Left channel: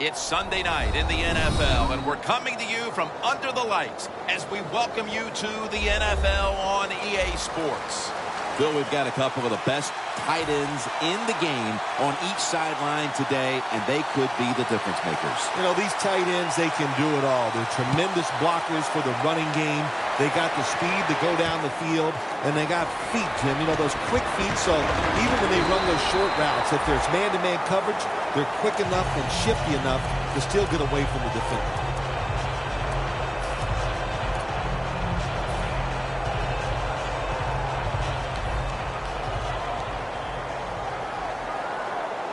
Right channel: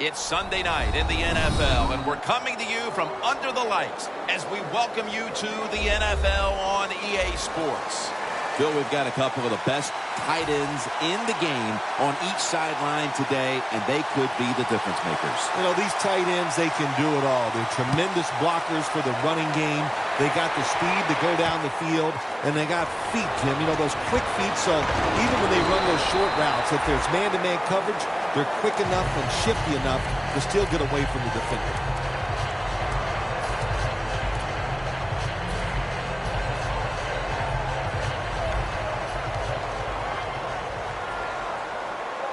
It's Sunday night in the NFL, and we're coming to you from under the lights as we welcome you to the NFL on EA Sports. Phil, we've got a couple of the best tight ends in the game on each sideline today, and they could be the difference makers. You know, these tight ends, they can do it all. They're tremendous blockers for the running game. They got the speed to go down the field, and they got feet, Jim. You know, those quick feet, so even when they run those short routes, if there's man-to-man coverage, they're quick enough and shifty enough to still get away from the defender.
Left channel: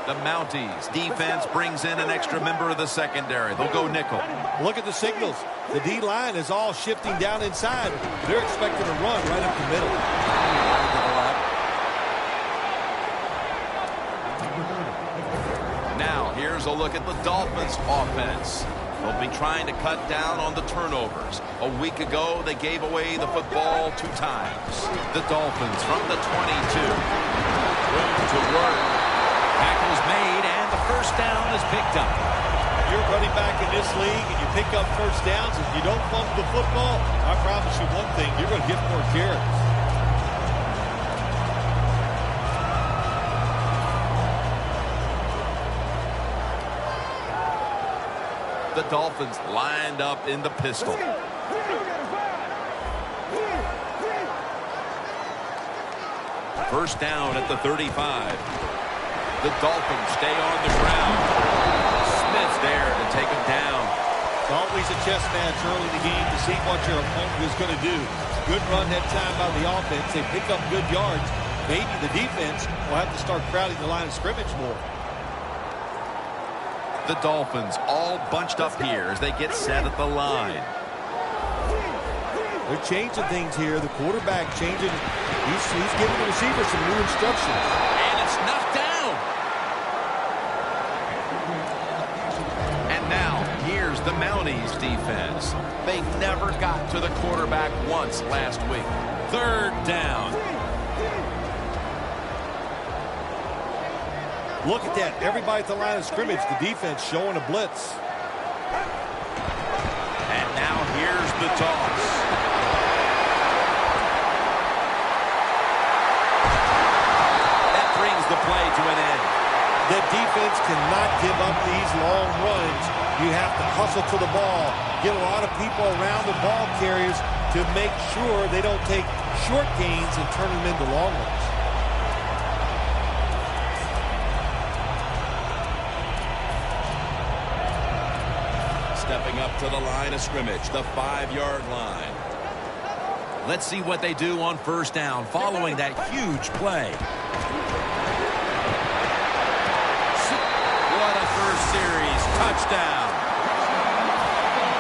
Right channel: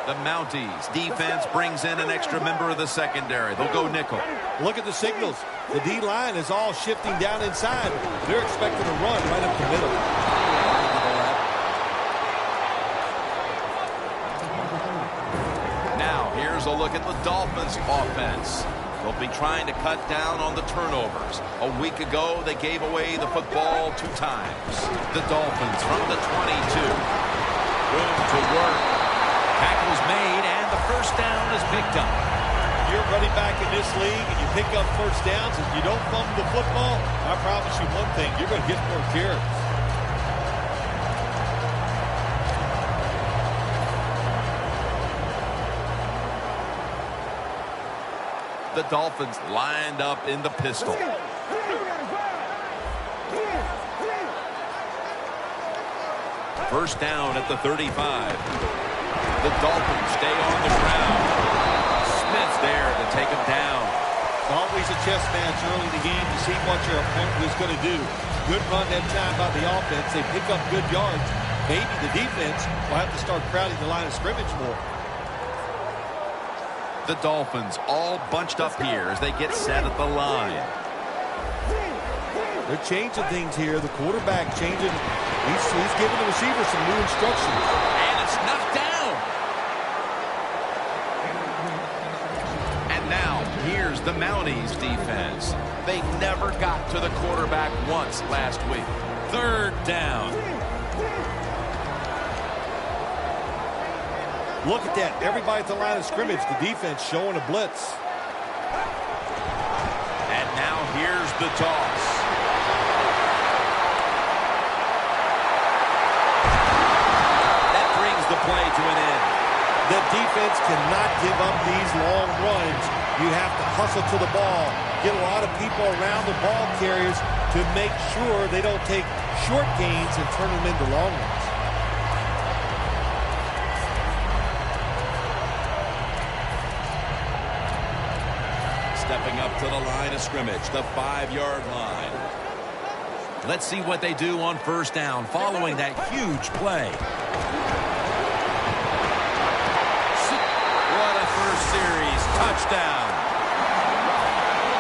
The Mounties defense brings in an extra member of the secondary. They'll go nickel. Look at the signals. The D-line is all shifting down inside. They're expecting to run right up the middle. Wide to the left. Now, here's a look at the Dolphins offense. They'll be trying to cut down on the turnovers. A week ago, they gave away the football 2 times. The Dolphins from the 22. Room to work. Tackle's made, and the first down is picked up. You're running back in this league, and you pick up first downs, and you don't fumble the football, I promise you one thing, you're going to get more carries. The Dolphins lined up in the pistol. First down at the 35. The Dolphins stay on the ground. Smith's there to take him down. It's always a chess match early in the game to see what your opponent is going to do. Good run that time by the offense. They pick up good yards. Maybe the defense will have to start crowding the line of scrimmage more. The Dolphins all bunched up here as they get set at the line. They're changing things here. The quarterback changing. He's giving the receiver some new instructions. And it's knocked down. And now, here's the Mounties defense. They never got to the quarterback once last week. Third down. Look at that. Everybody at the line of scrimmage. The defense showing a blitz. And now here's the toss. That brings the play to an end. The defense cannot give up these long runs. You have to hustle to the ball. Get a lot of people around the ball carriers to make sure they don't take short gains and turn them into long ones. Stepping up to the line of scrimmage, the 5-yard line. Let's see what they do on first down following that huge play. What a first series touchdown.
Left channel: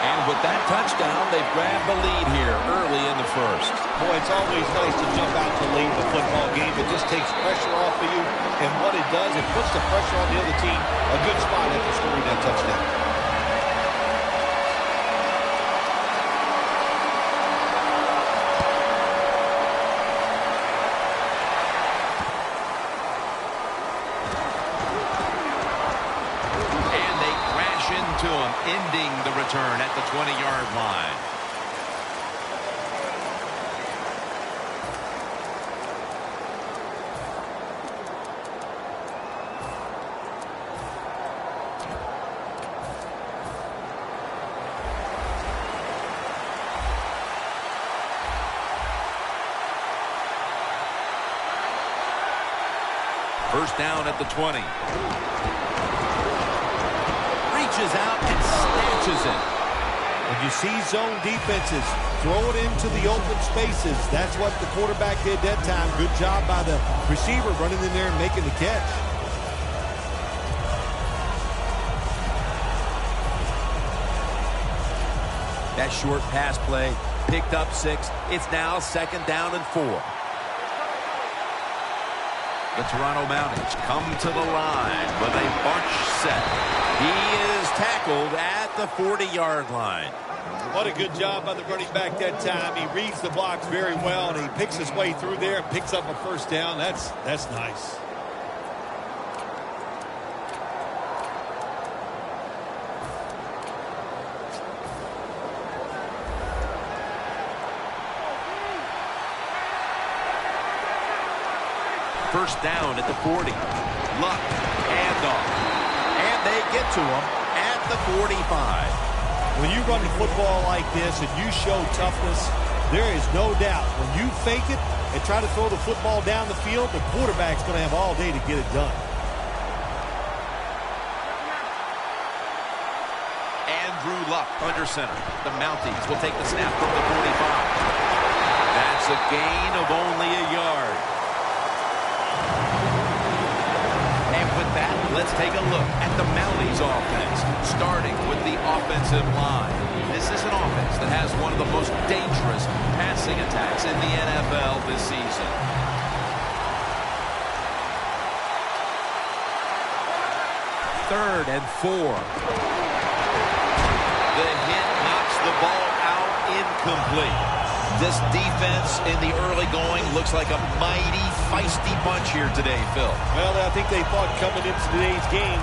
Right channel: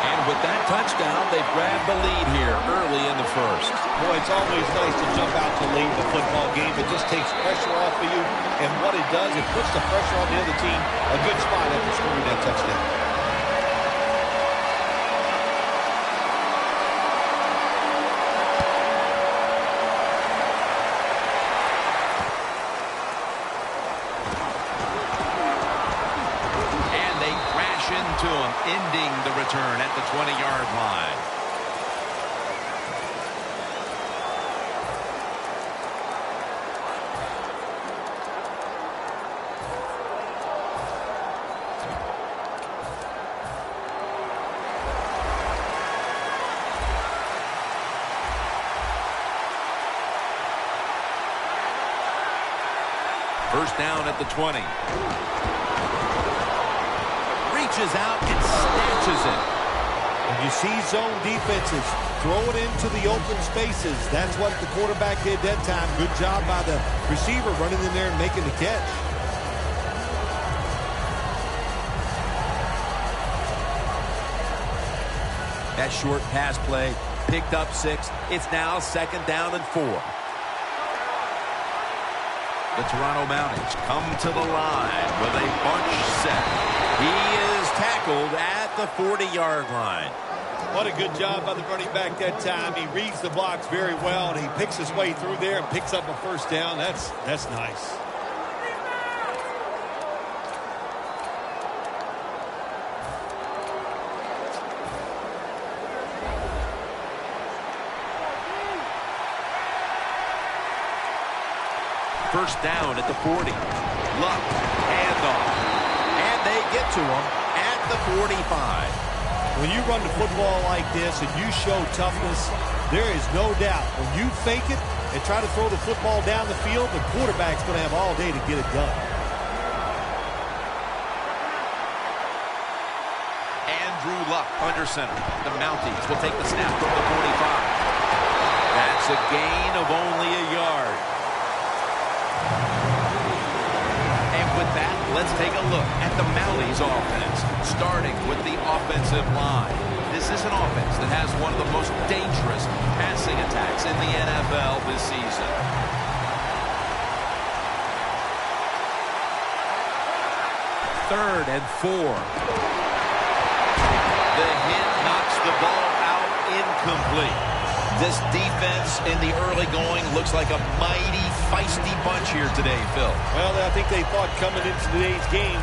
And with that touchdown, they've grabbed the lead here early in the first. Boy, it's always nice to jump out to lead the football game. It just takes pressure off of you. And what it does, it puts the pressure on the other team. A good spot after scoring that touchdown. To him, ending the return at the 20-yard line. First down at the 20. Reaches out and snatches it. When you see zone defenses, throw it into the open spaces. That's what the quarterback did that time. Good job by the receiver running in there and making the catch. That short pass play picked up 6. It's now 2nd down and 4. The Toronto Mounties come to the line with a bunch set. He is tackled at the 40-yard line. What a good job by the running back that time. He reads the blocks very well, and he picks his way through there and picks up a first down. That's nice. First down at the 40. Luck, handoff. And they get to him at the 45. When you run the football like this and you show toughness, there is no doubt when you fake it and try to throw the football down the field, the quarterback's going to have all day to get it done. Andrew Luck under center. The Mounties will take the snap from the 45. That's a gain of only a yard. And with that, let's take a look at the Mounties offense, starting with the offensive line. This is an offense that has one of the most dangerous passing attacks in the NFL this season. Third and 4. The hit knocks the ball out incomplete. This defense in the early going looks like a mighty feisty bunch here today, Phil. Well, I think they thought coming into today's game,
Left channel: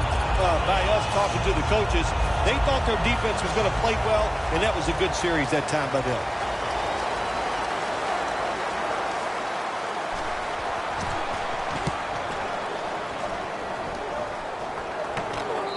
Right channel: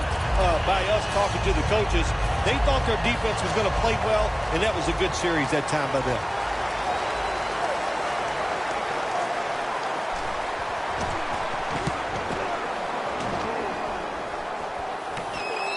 by us talking to the coaches, they thought their defense was going to play well, and that was a good series that time by them.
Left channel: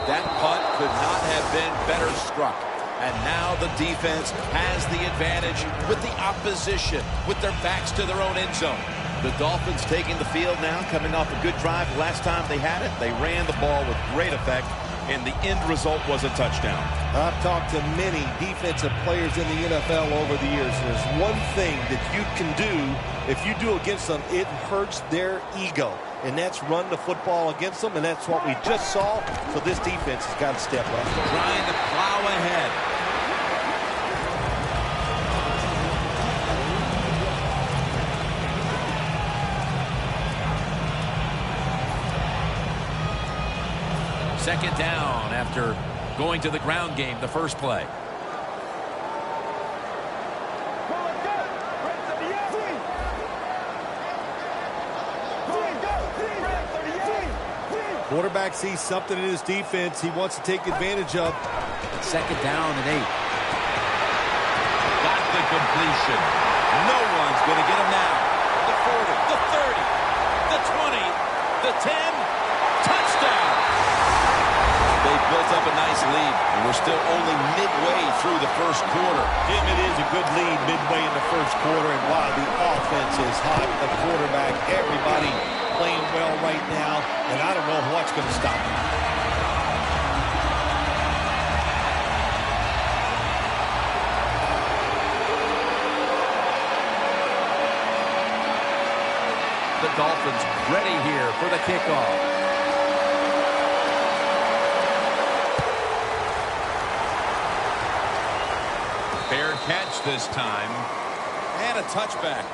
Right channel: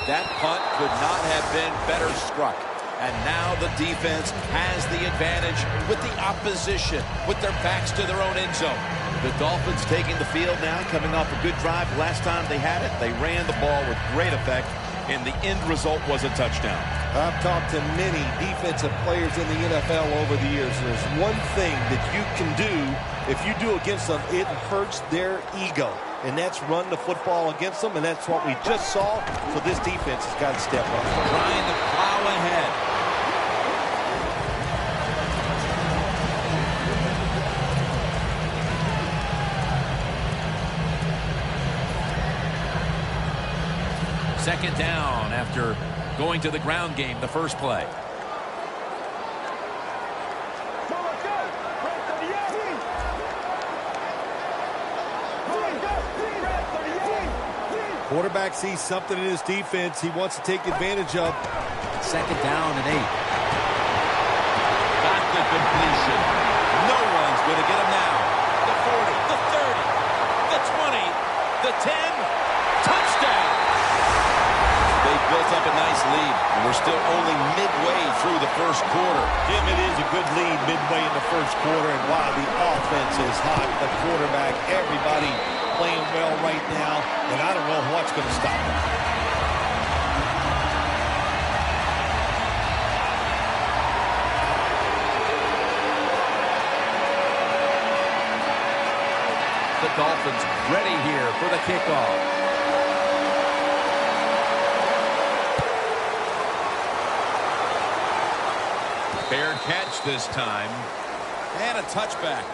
That punt could not have been better struck. And now the defense has the advantage with the opposition, with their backs to their own end zone. The Dolphins taking the field now, coming off a good drive. Last time they had it, they ran the ball with great effect, and the end result was a touchdown. I've talked to many defensive players in the NFL over the years, and there's one thing that you can do. If you do against them, it hurts their ego, and that's run the football against them, and that's what we just saw. So this defense has got to step up. Trying to plow ahead. Second down after going to the ground game the first play. Quarterback sees something in his defense he wants to take advantage of. Second down and 8. Got the completion. No one's going to get him now. The 40, the 30, the 20, the 10. Touchdown! They built up a nice lead, and we're still only midway through the first quarter. Jim, it is a good lead midway in the first quarter, and while the offense is hot, the quarterback, everybody playing well right now, and I don't know what's going to stop them. The Dolphins ready here for the kickoff. Fair catch this time. And a touchback.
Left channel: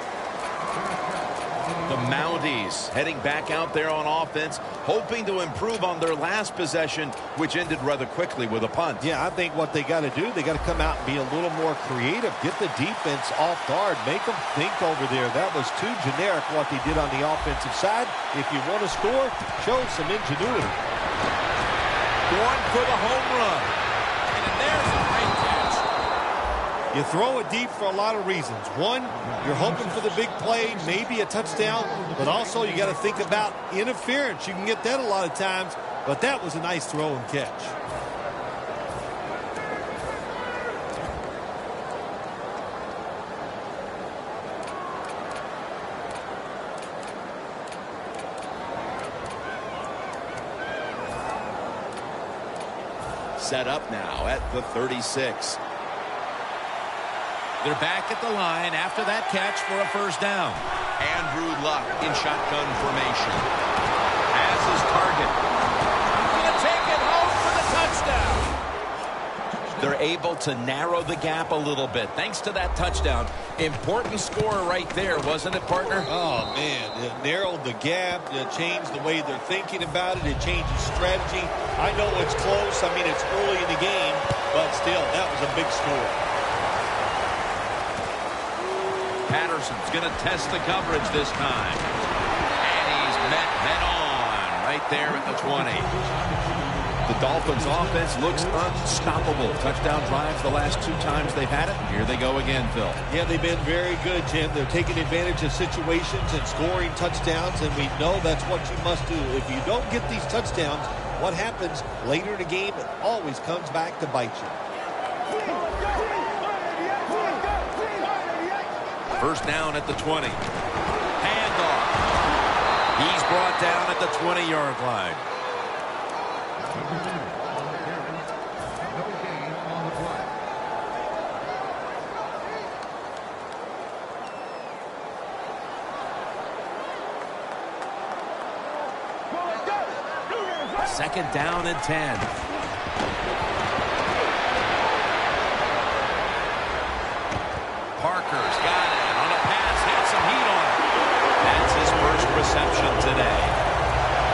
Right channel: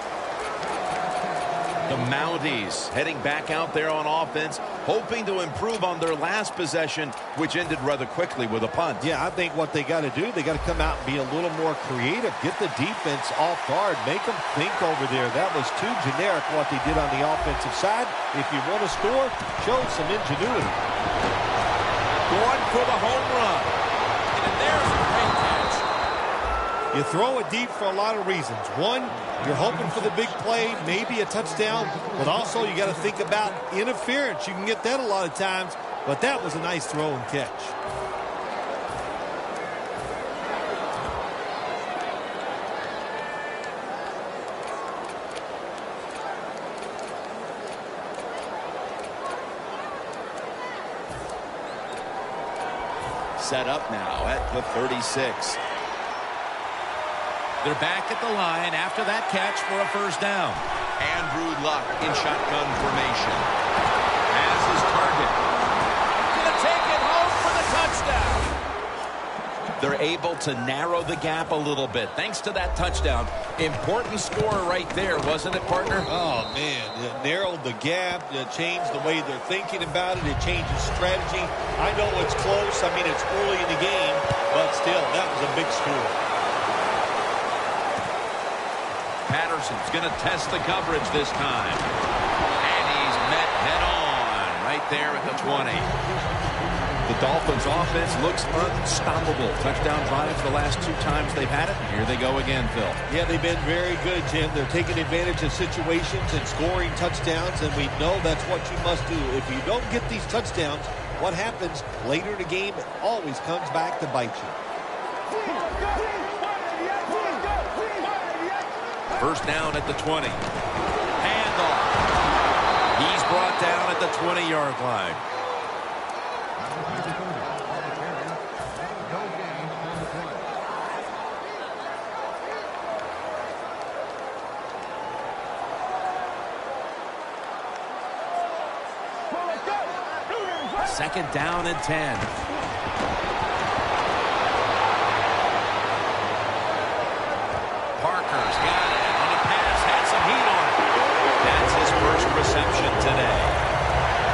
The Mounties heading back out there on offense, hoping to improve on their last possession, which ended rather quickly with a punt. Yeah, I think what they got to do, they got to come out and be a little more creative. Get the defense off guard. Make them think over there. That was too generic what they did on the offensive side. If you want to score, show some ingenuity. Going for the home run. And there's a great catch. You throw it deep for a lot of reasons. One, you're hoping for the big play, maybe a touchdown, but also you got to think about interference. You can get that a lot of times, but that was a nice throw and catch. Set up now at the 36. They're back at the line after that catch for a first down. Andrew Luck in shotgun formation. Has his target. Gonna take it home for the touchdown. They're able to narrow the gap a little bit thanks to that touchdown. Important score right there, wasn't it, partner? Oh, man. It narrowed the gap. It changed the way they're thinking about it. It changes strategy. I know it's close. I mean, it's early in the game, but still, that was a big score. Patterson's going to test the coverage this time. And he's met head on right there at the 20. The Dolphins offense looks unstoppable. Touchdown drives the last 2 times they've had it. Here they go again, Phil. Yeah, they've been very good, Jim. They're taking advantage of situations and scoring touchdowns, and we know that's what you must do. If you don't get these touchdowns, what happens later in the game, it always comes back to bite you. First down at the 20. Handoff. He's brought down at the 20-yard line. Second down and 10. Parker's got it on a pass, had some heat on it. That's his first reception today.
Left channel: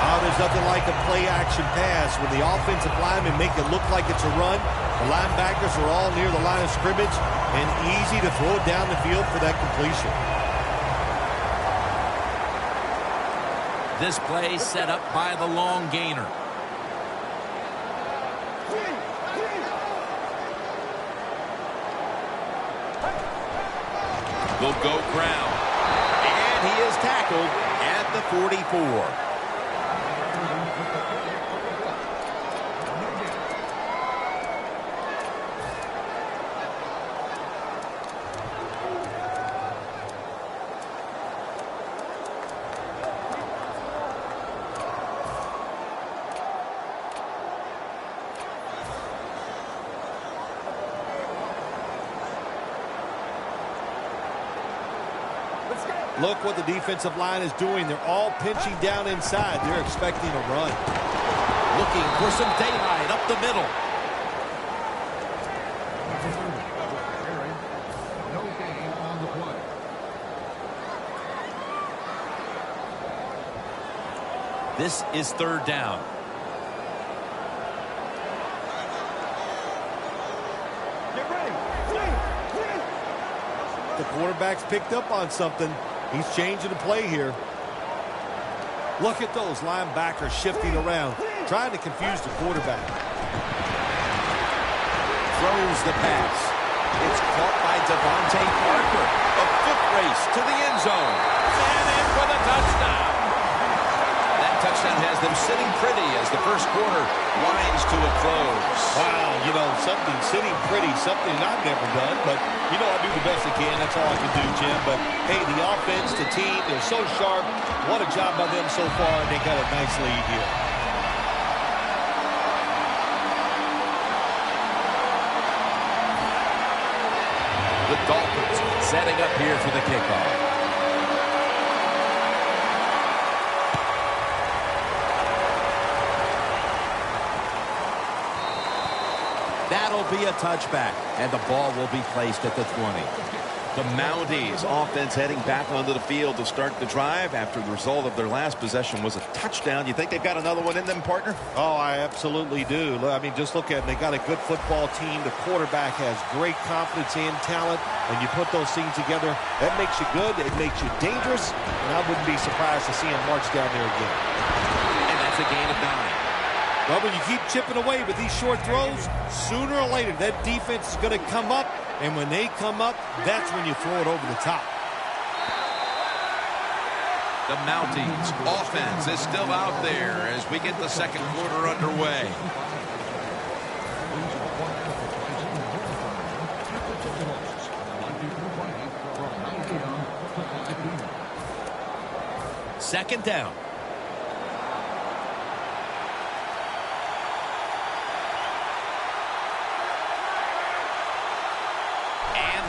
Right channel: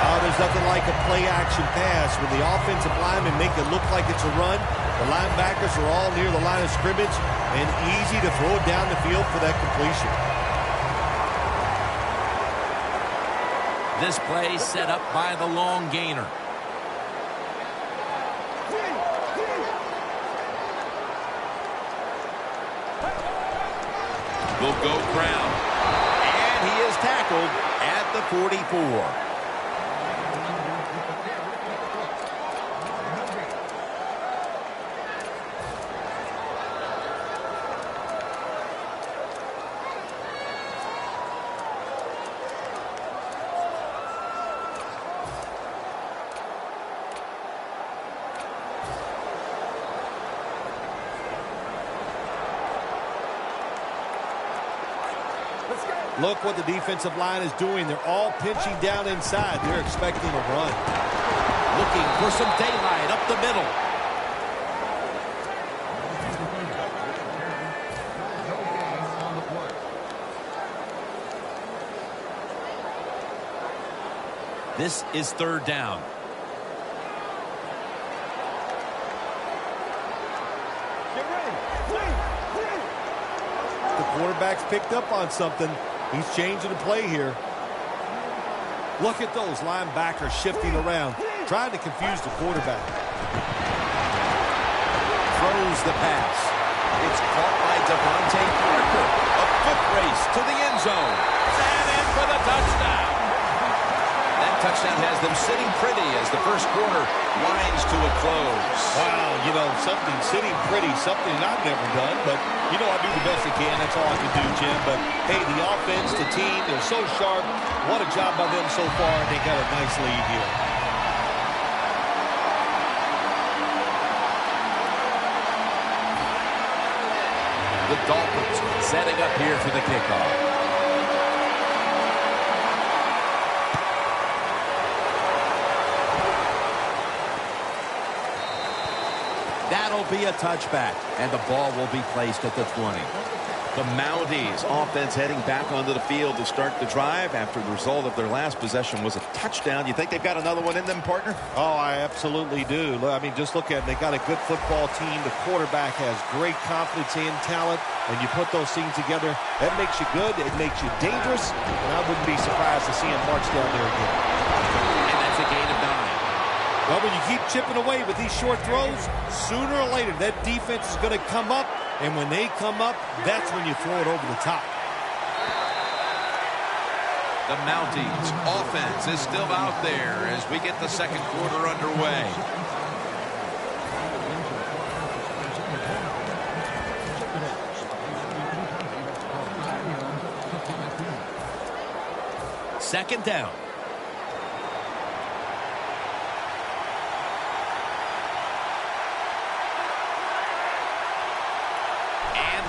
Oh, there's nothing like a play-action pass. When the offensive linemen make it look like it's a run, the linebackers are all near the line of scrimmage, and easy to throw it down the field for that completion. This play set up by the long gainer. Will go ground. And he is tackled at the 44. Look what the defensive line is doing. They're all pinching down inside. They're expecting a run. Looking for some daylight up the middle. This is third down. Get ready. The quarterback's picked up on something. He's changing the play here. Look at those linebackers shifting around, trying to confuse the quarterback. Throws the pass. It's caught by Devontae Parker. A foot race to the end zone. And in for the touchdown. That touchdown has them sitting pretty as the first quarter winds to a close. Wow, you know, something sitting pretty, something I've never done, but, you know, I do the best I can. That's all I can do, Jim. But, hey, the offense, the team, they're so sharp. What a job by them so far, and they got a nice lead here. The Dolphins setting up here for the kickoff. That'll be a touchback, and the ball will be placed at the 20. The Mounties offense heading back onto the field to start the drive after the result of their last possession was a touchdown. You think they've got another one in them, partner? Oh, I absolutely do. I mean, just look at it. They got a good football team. The quarterback has great confidence and talent, and you put those things together, that makes you good. It makes you dangerous, and I wouldn't be surprised to see him march down there again. And that's a gain of 9. Well, when you keep chipping away with these short throws, sooner or later that defense is going to come up, and when they come up, that's when you throw it over the top. The Mounties offense is still out there as we get the second quarter underway. Second down.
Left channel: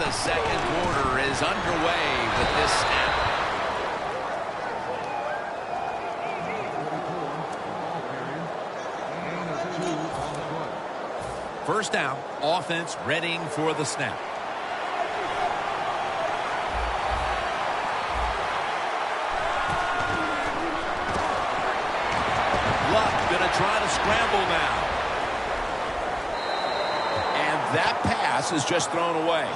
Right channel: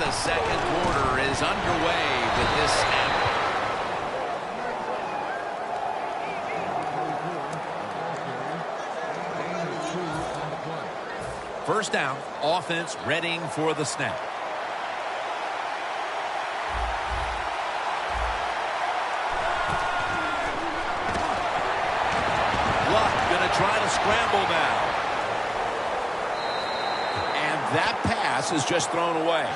The second quarter is underway with this snap. First down, offense readying for the snap. Luck going to try to scramble now. And that pass is just thrown away.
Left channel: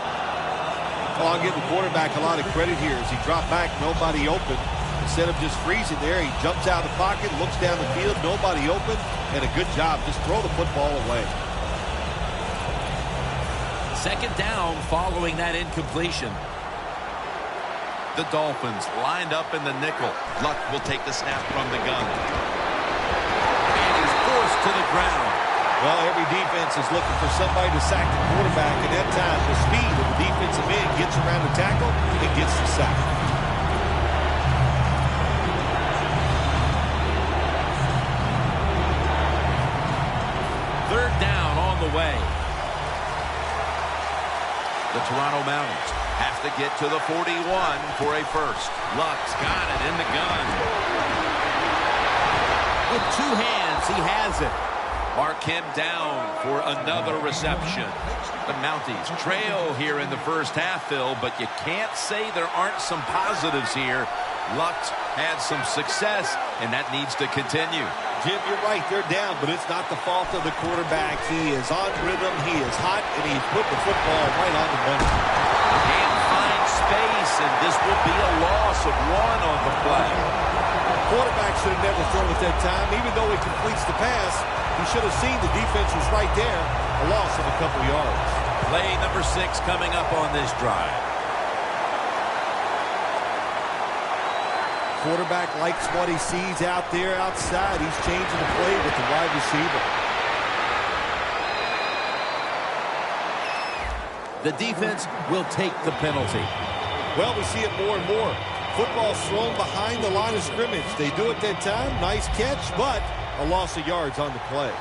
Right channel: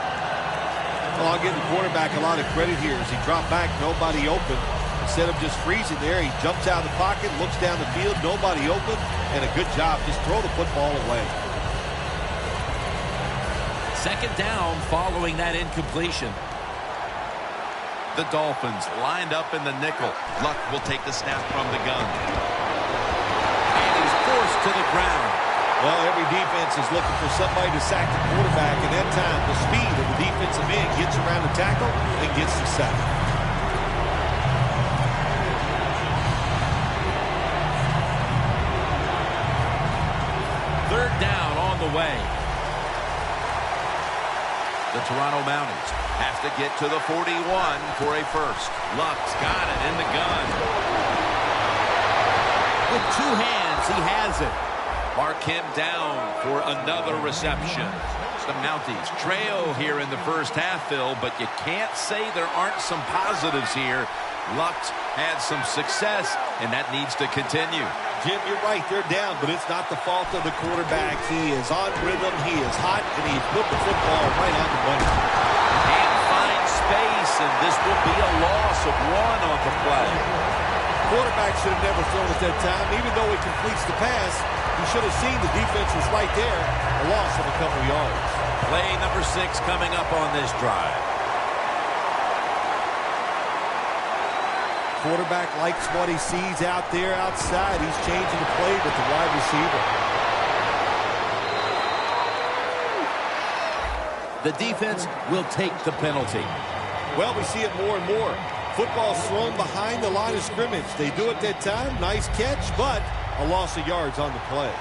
Well, I'll give the quarterback a lot of credit here as he dropped back, nobody open. Instead of just freezing there, he jumps out of the pocket, looks down the field, nobody open, and a good job. Just throw the football away. Second down following that incompletion. The Dolphins lined up in the nickel. Luck will take the snap from the gun. And he's forced to the ground. Well, every defense is looking for somebody to sack the quarterback, and that time the speed of the defensive end gets around the tackle and gets the sack. Third down on the way. The Toronto Mounties have to get to the 41 for a first. Luck's got it in the gun. With two hands, he has it. Mark him down for another reception. The Mounties trail here in the first half, Phil, but you can't say there aren't some positives here. Luck's had some success, and that needs to continue. Jim, you're right. They're down, but it's not the fault of the quarterback. He is on rhythm. He is hot, and he's put the football right on the money. Can't find space, and this will be a loss of one on the play. Quarterback should have never thrown at that time. Even though he completes the pass, he should have seen the defense was right there. A loss of a couple yards. Play number 6 coming up on this drive. Quarterback likes what he sees out there outside. He's changing the play with the wide receiver. The defense will take the penalty. Well, we see it more and more. Football's thrown behind the line of scrimmage. They do it that time. Nice catch, but a loss of yards on the play.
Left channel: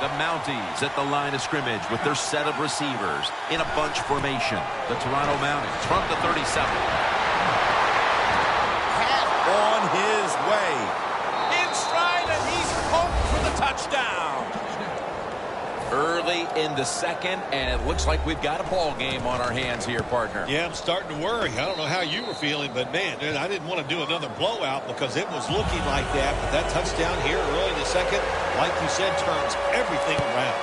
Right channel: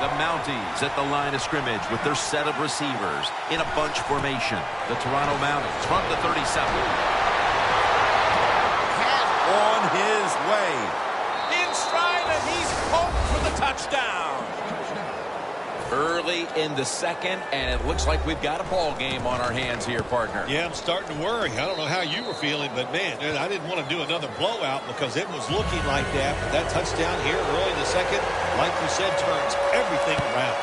The Mounties at the line of scrimmage with their set of receivers in a bunch formation. The Toronto Mounties from the 37. On his way. In stride, and he's poked for the touchdown. Early in the second, and it looks like we've got a ball game on our hands here, partner. Yeah, I'm starting to worry. I don't know how you were feeling, but, man, I didn't want to do another blowout because it was looking like that. But that touchdown here early in the second, like you said, turns everything around.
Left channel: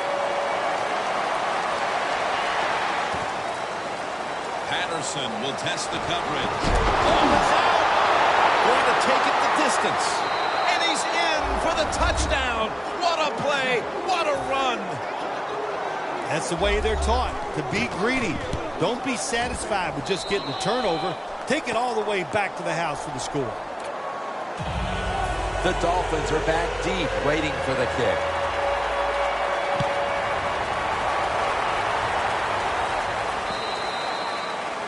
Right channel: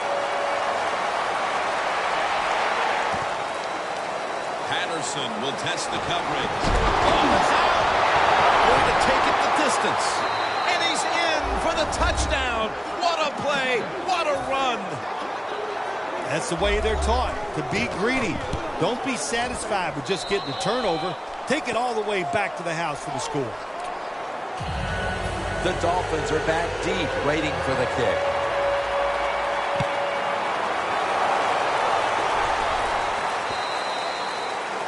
Patterson will test the coverage. Ball is out. Going to take it the distance. And he's in for the touchdown. What a play. What a run. That's the way they're taught, to be greedy. Don't be satisfied with just getting the turnover. Take it all the way back to the house for the score. The Dolphins are back deep, waiting for the kick.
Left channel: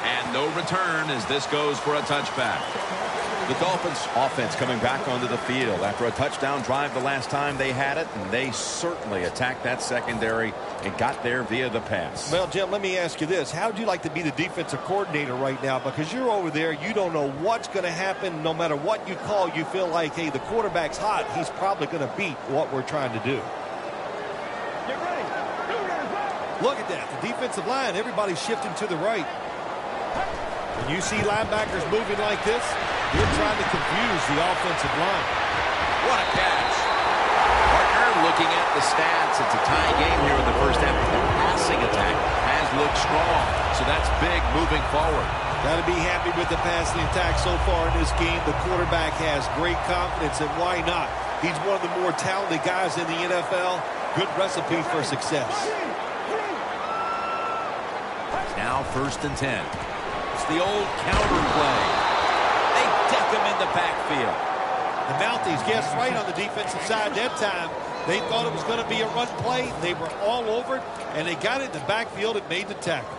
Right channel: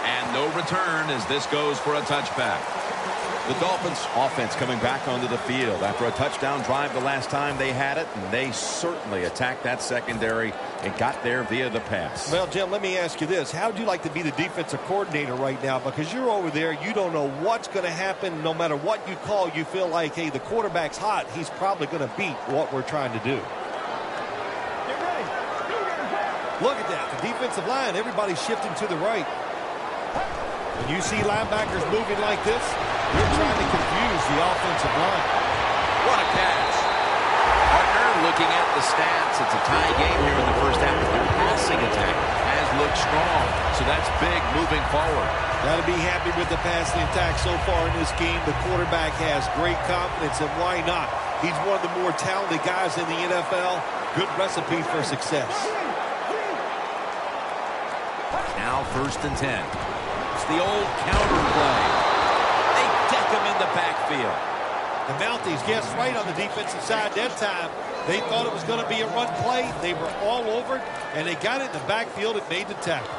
And no return as this goes for a touchback. The Dolphins offense coming back onto the field after a touchdown drive the last time they had it, and they certainly attacked that secondary and got there via the pass. Well, Jim, let me ask you this. How would you like to be the defensive coordinator right now? Because you're over there, you don't know what's going to happen. No matter what you call, you feel like, hey, the quarterback's hot. He's probably going to beat what we're trying to do. Get ready. Look at that. The defensive line, everybody's shifting to the right. When you see linebackers moving like this, they're trying to confuse the offensive line. What a catch. Partner, looking at the stats, it's a tie game here in the first half, but the passing attack has looked strong. So that's big moving forward. Got to be happy with the passing attack so far in this game. The quarterback has great confidence, and why not? He's one of the more talented guys in the NFL. Good recipe for success. Now 1st and 10. It's the old counter play. They deck him in the backfield. The Mounties guessed right on the defensive side that time. They thought it was going to be a run play. They were all over it, and they got it in the backfield and made the tackle.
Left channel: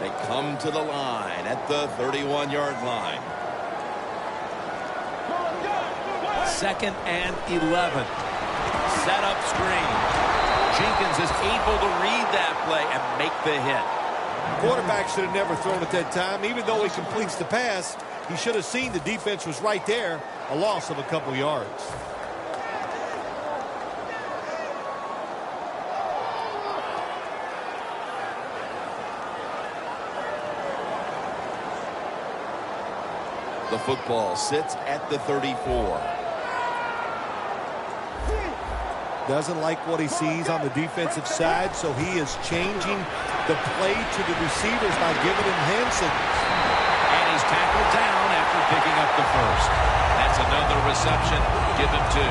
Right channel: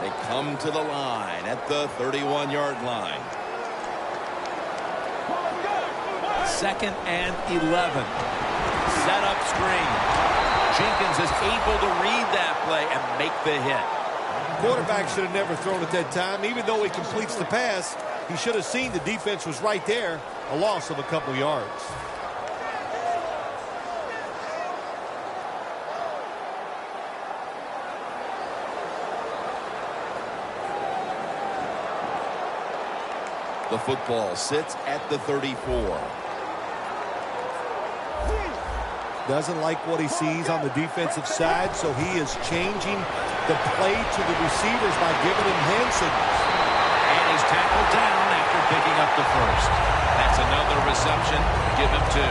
They come to the line at the 31-yard line. 2nd and 11. Set up screen. Jenkins is able to read that play and make the hit. Quarterback should have never thrown at that time. Even though he completes the pass, he should have seen the defense was right there. A loss of a couple yards. The football sits at the 34. Doesn't like what he sees on the defensive side, so he is changing the play to the receivers by giving him hand signals. And he's tackled down after picking up the first. That's another reception. Give him 2.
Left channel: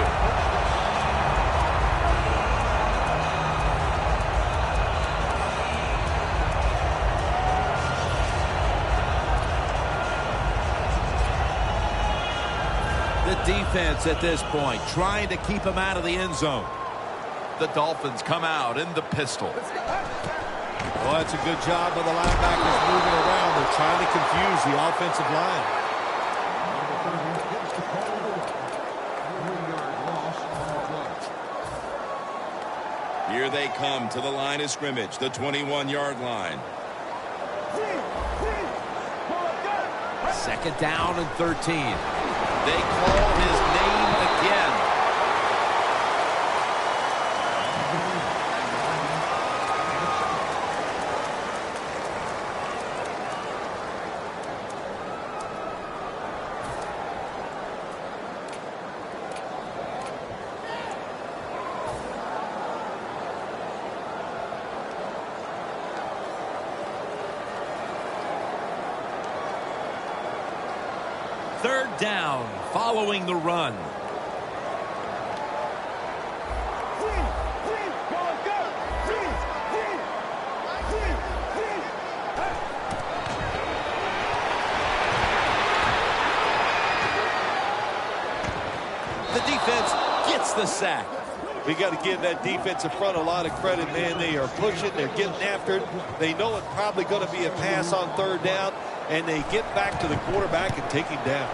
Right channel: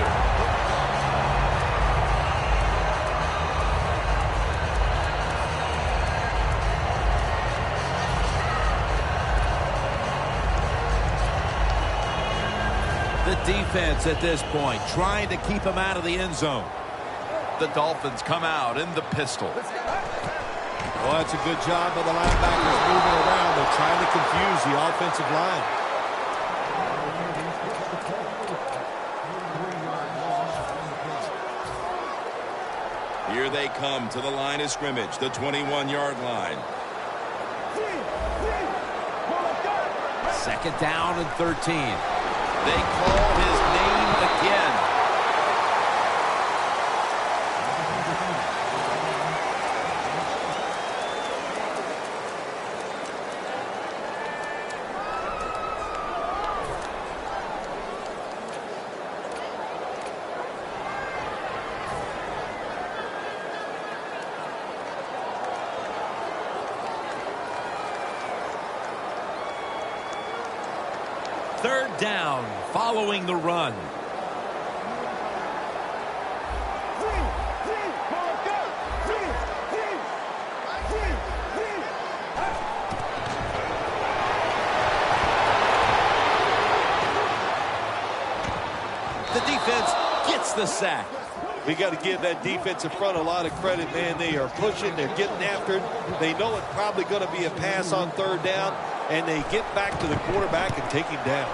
The defense at this point trying to keep him out of the end zone. The Dolphins come out in the pistol. Well, that's a good job by the linebackers moving around. They're trying to confuse the offensive line. Here they come to the line of scrimmage, the 21-yard line. Second down and 13. They call his name again. Third down following the run. The defense gets the sack. We got to give that defensive front a lot of credit, man. They are pushing. They're getting after it. They know it's probably going to be a pass on third down, and they get back to the quarterback and take him down.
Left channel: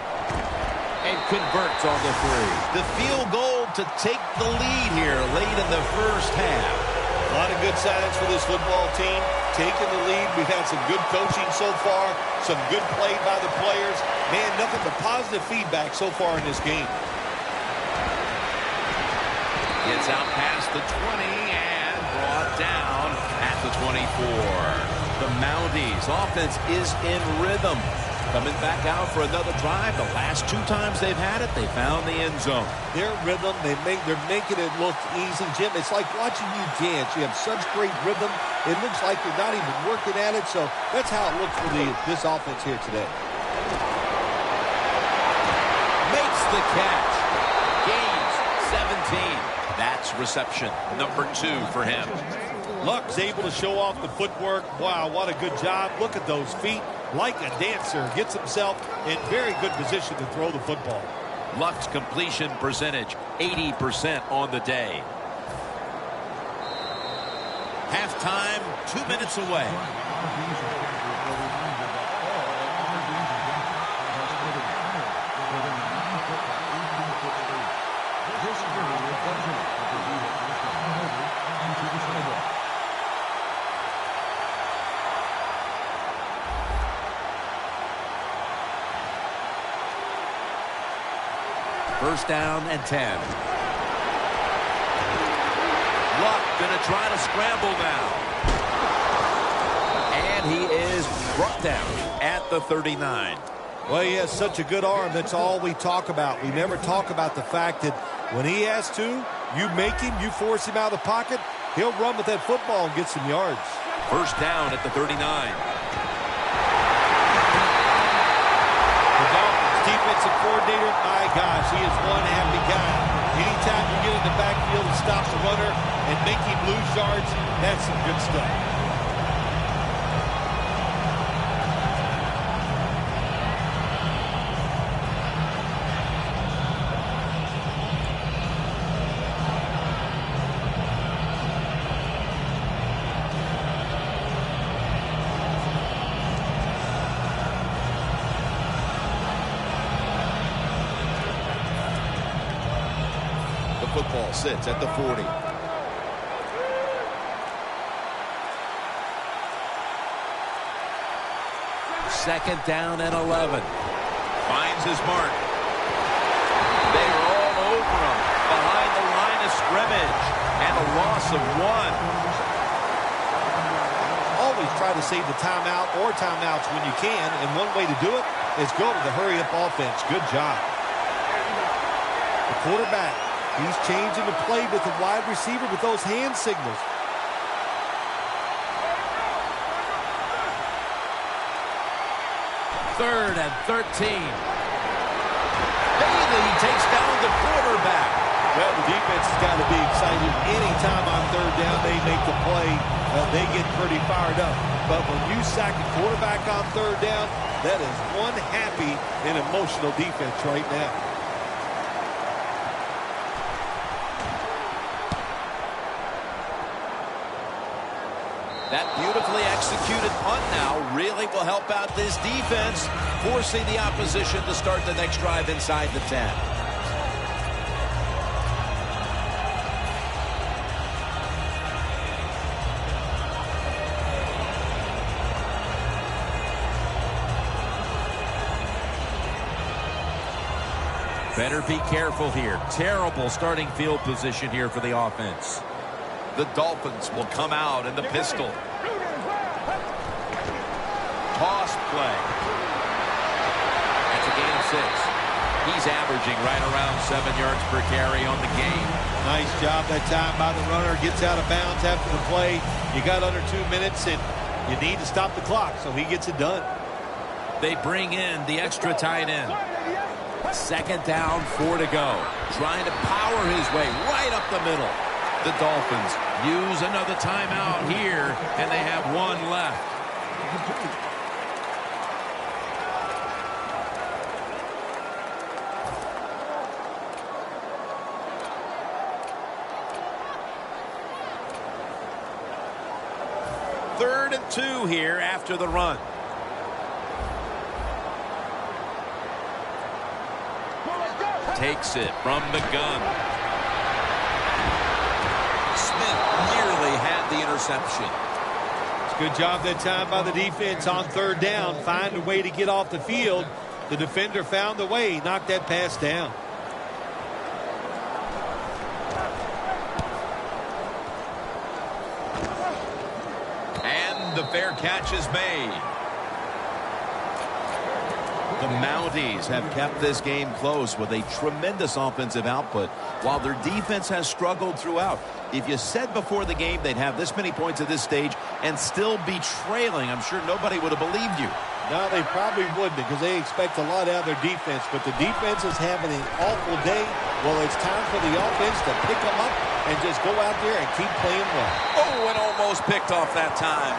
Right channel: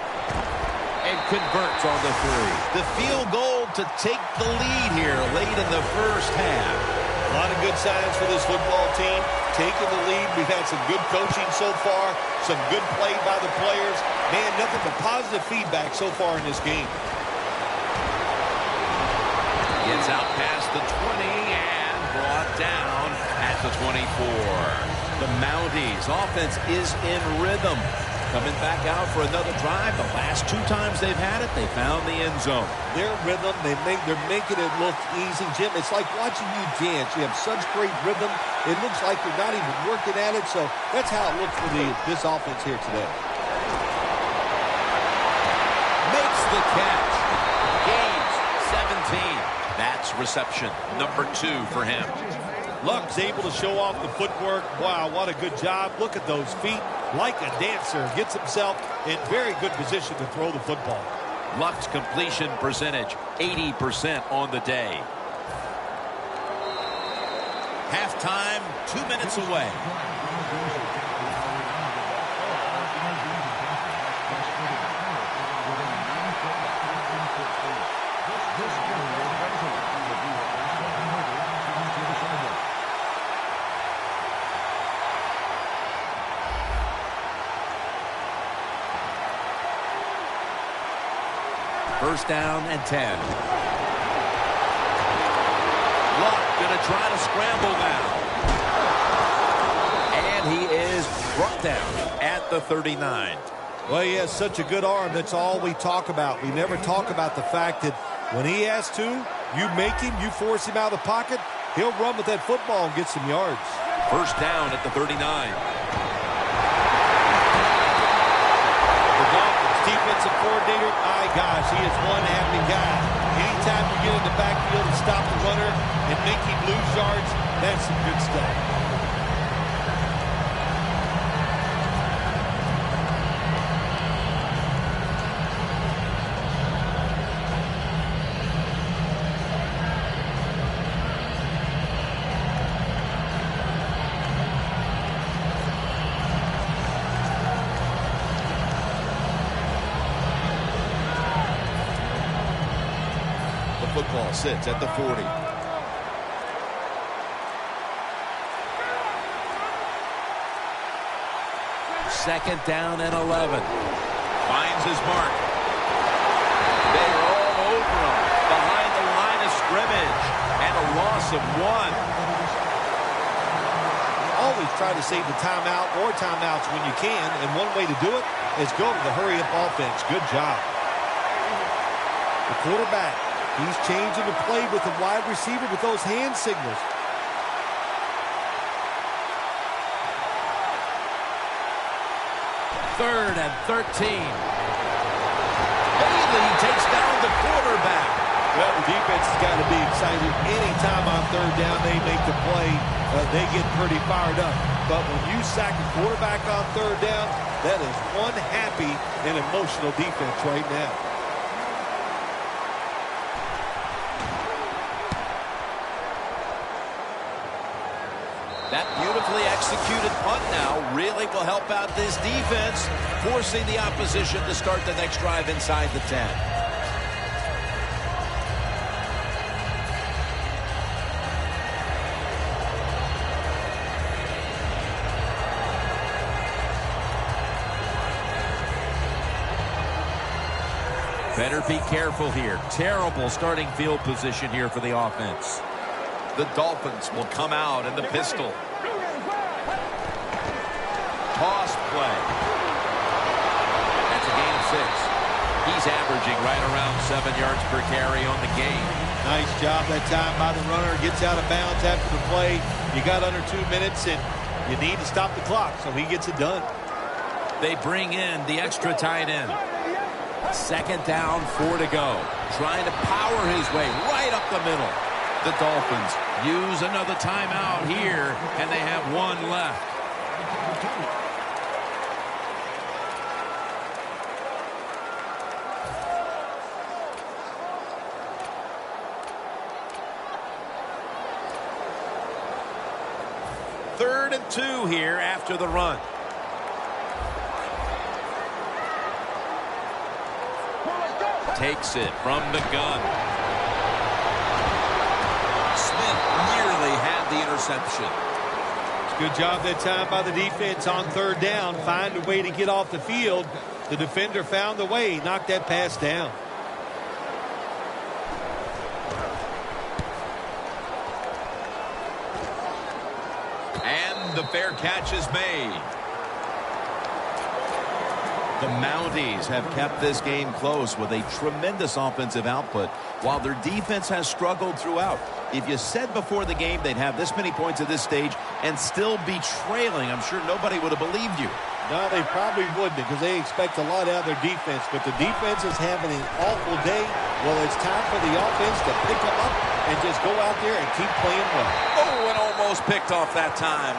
And converts on the 3. The field goal to take the lead here late in the first half. A lot of good signs for this football team. Taking the lead. We've had some good coaching so far. Some good play by the players. Man, nothing but positive feedback so far in this game. Gets out past the 20 and brought down at the 24. The Mounties offense is in rhythm. Coming back out for another drive. The last 2 times they've had it, they found the end zone. Their rhythm, they're making it look easy, Jim. It's like watching you dance. You have such great rhythm. It looks like you're not even working at it. So that's how it looks for this offense here today. Makes the catch. Gains 17. That's reception number 2 for him. Luck's able to show off the footwork. Wow, what a good job. Look at those feet. Like a dancer. Gets himself in very good position to throw the football. Luck's completion percentage, 80% on the day. Halftime, 2 minutes away. First down and 10. Luck going to try to scramble now. And he is brought down at the 39. Well, he has such a good arm. That's all we talk about. We never talk about the fact that when he has to, you make him, you force him out of the pocket, he'll run with that football and get some yards. First down at the 39. The Dolphins defensive coordinator, my gosh, he is one happy guy. Anytime you get in the backfield and stop the runner and make him lose yards, that's some good stuff. Football sits at the 40. Second down and 11. Finds his mark. They are all over him behind the line of scrimmage, and a loss of 1. Always try to save the timeout or timeouts when you can, and one way to do it is go to the hurry-up offense. Good job. The quarterback, 2nd and 10. Dolphins defensive coordinator, my gosh, he is one happy guy. Anytime you get in the backfield and stop the runner and make him lose yards, that's some good stuff. The football sits at the 40. Second down and 11. He's changing the play with the wide receiver with those hand signals. Third and 13. Bailey takes down the quarterback. Well, the defense has got to be excited. Anytime on third down they make the play, they get pretty fired up. But when you sack a quarterback on third down, that is one happy and emotional defense right now. That beautifully executed punt now really will help out this defense, forcing the opposition to start the next drive inside the 10. Better be careful here. Terrible starting field position here for the offense. The Dolphins will come out in the pistol. Toss play. That's a gain of 6. He's averaging right around 7 yards per carry on the game. Nice job that time by the runner. Gets out of bounds after the play. You got under 2 minutes, and you need to stop the clock, so he gets it done. They bring in the extra tight end. 2nd down, 4 to go. Trying to power his way right up the middle. The Dolphins use another timeout here, and they have 1 left. Third and 2 here after the run. Takes it from the gun. Smith nearly had the interception. It's a good job that time by the defense on third down. Find a way to get off the field. The defender found the way. Knocked that pass down. And the fair catch is made. The Mounties have kept this game close with a tremendous offensive output, while their defense has struggled throughout. If you said before the game they'd have this many points at this stage and still be trailing, I'm sure nobody would have believed you. No, they probably wouldn't, because they expect a lot out of their defense. But the defense is having an awful day. Well, it's time for the offense to pick them up and just go out there and keep playing well. Oh, and almost picked off that time.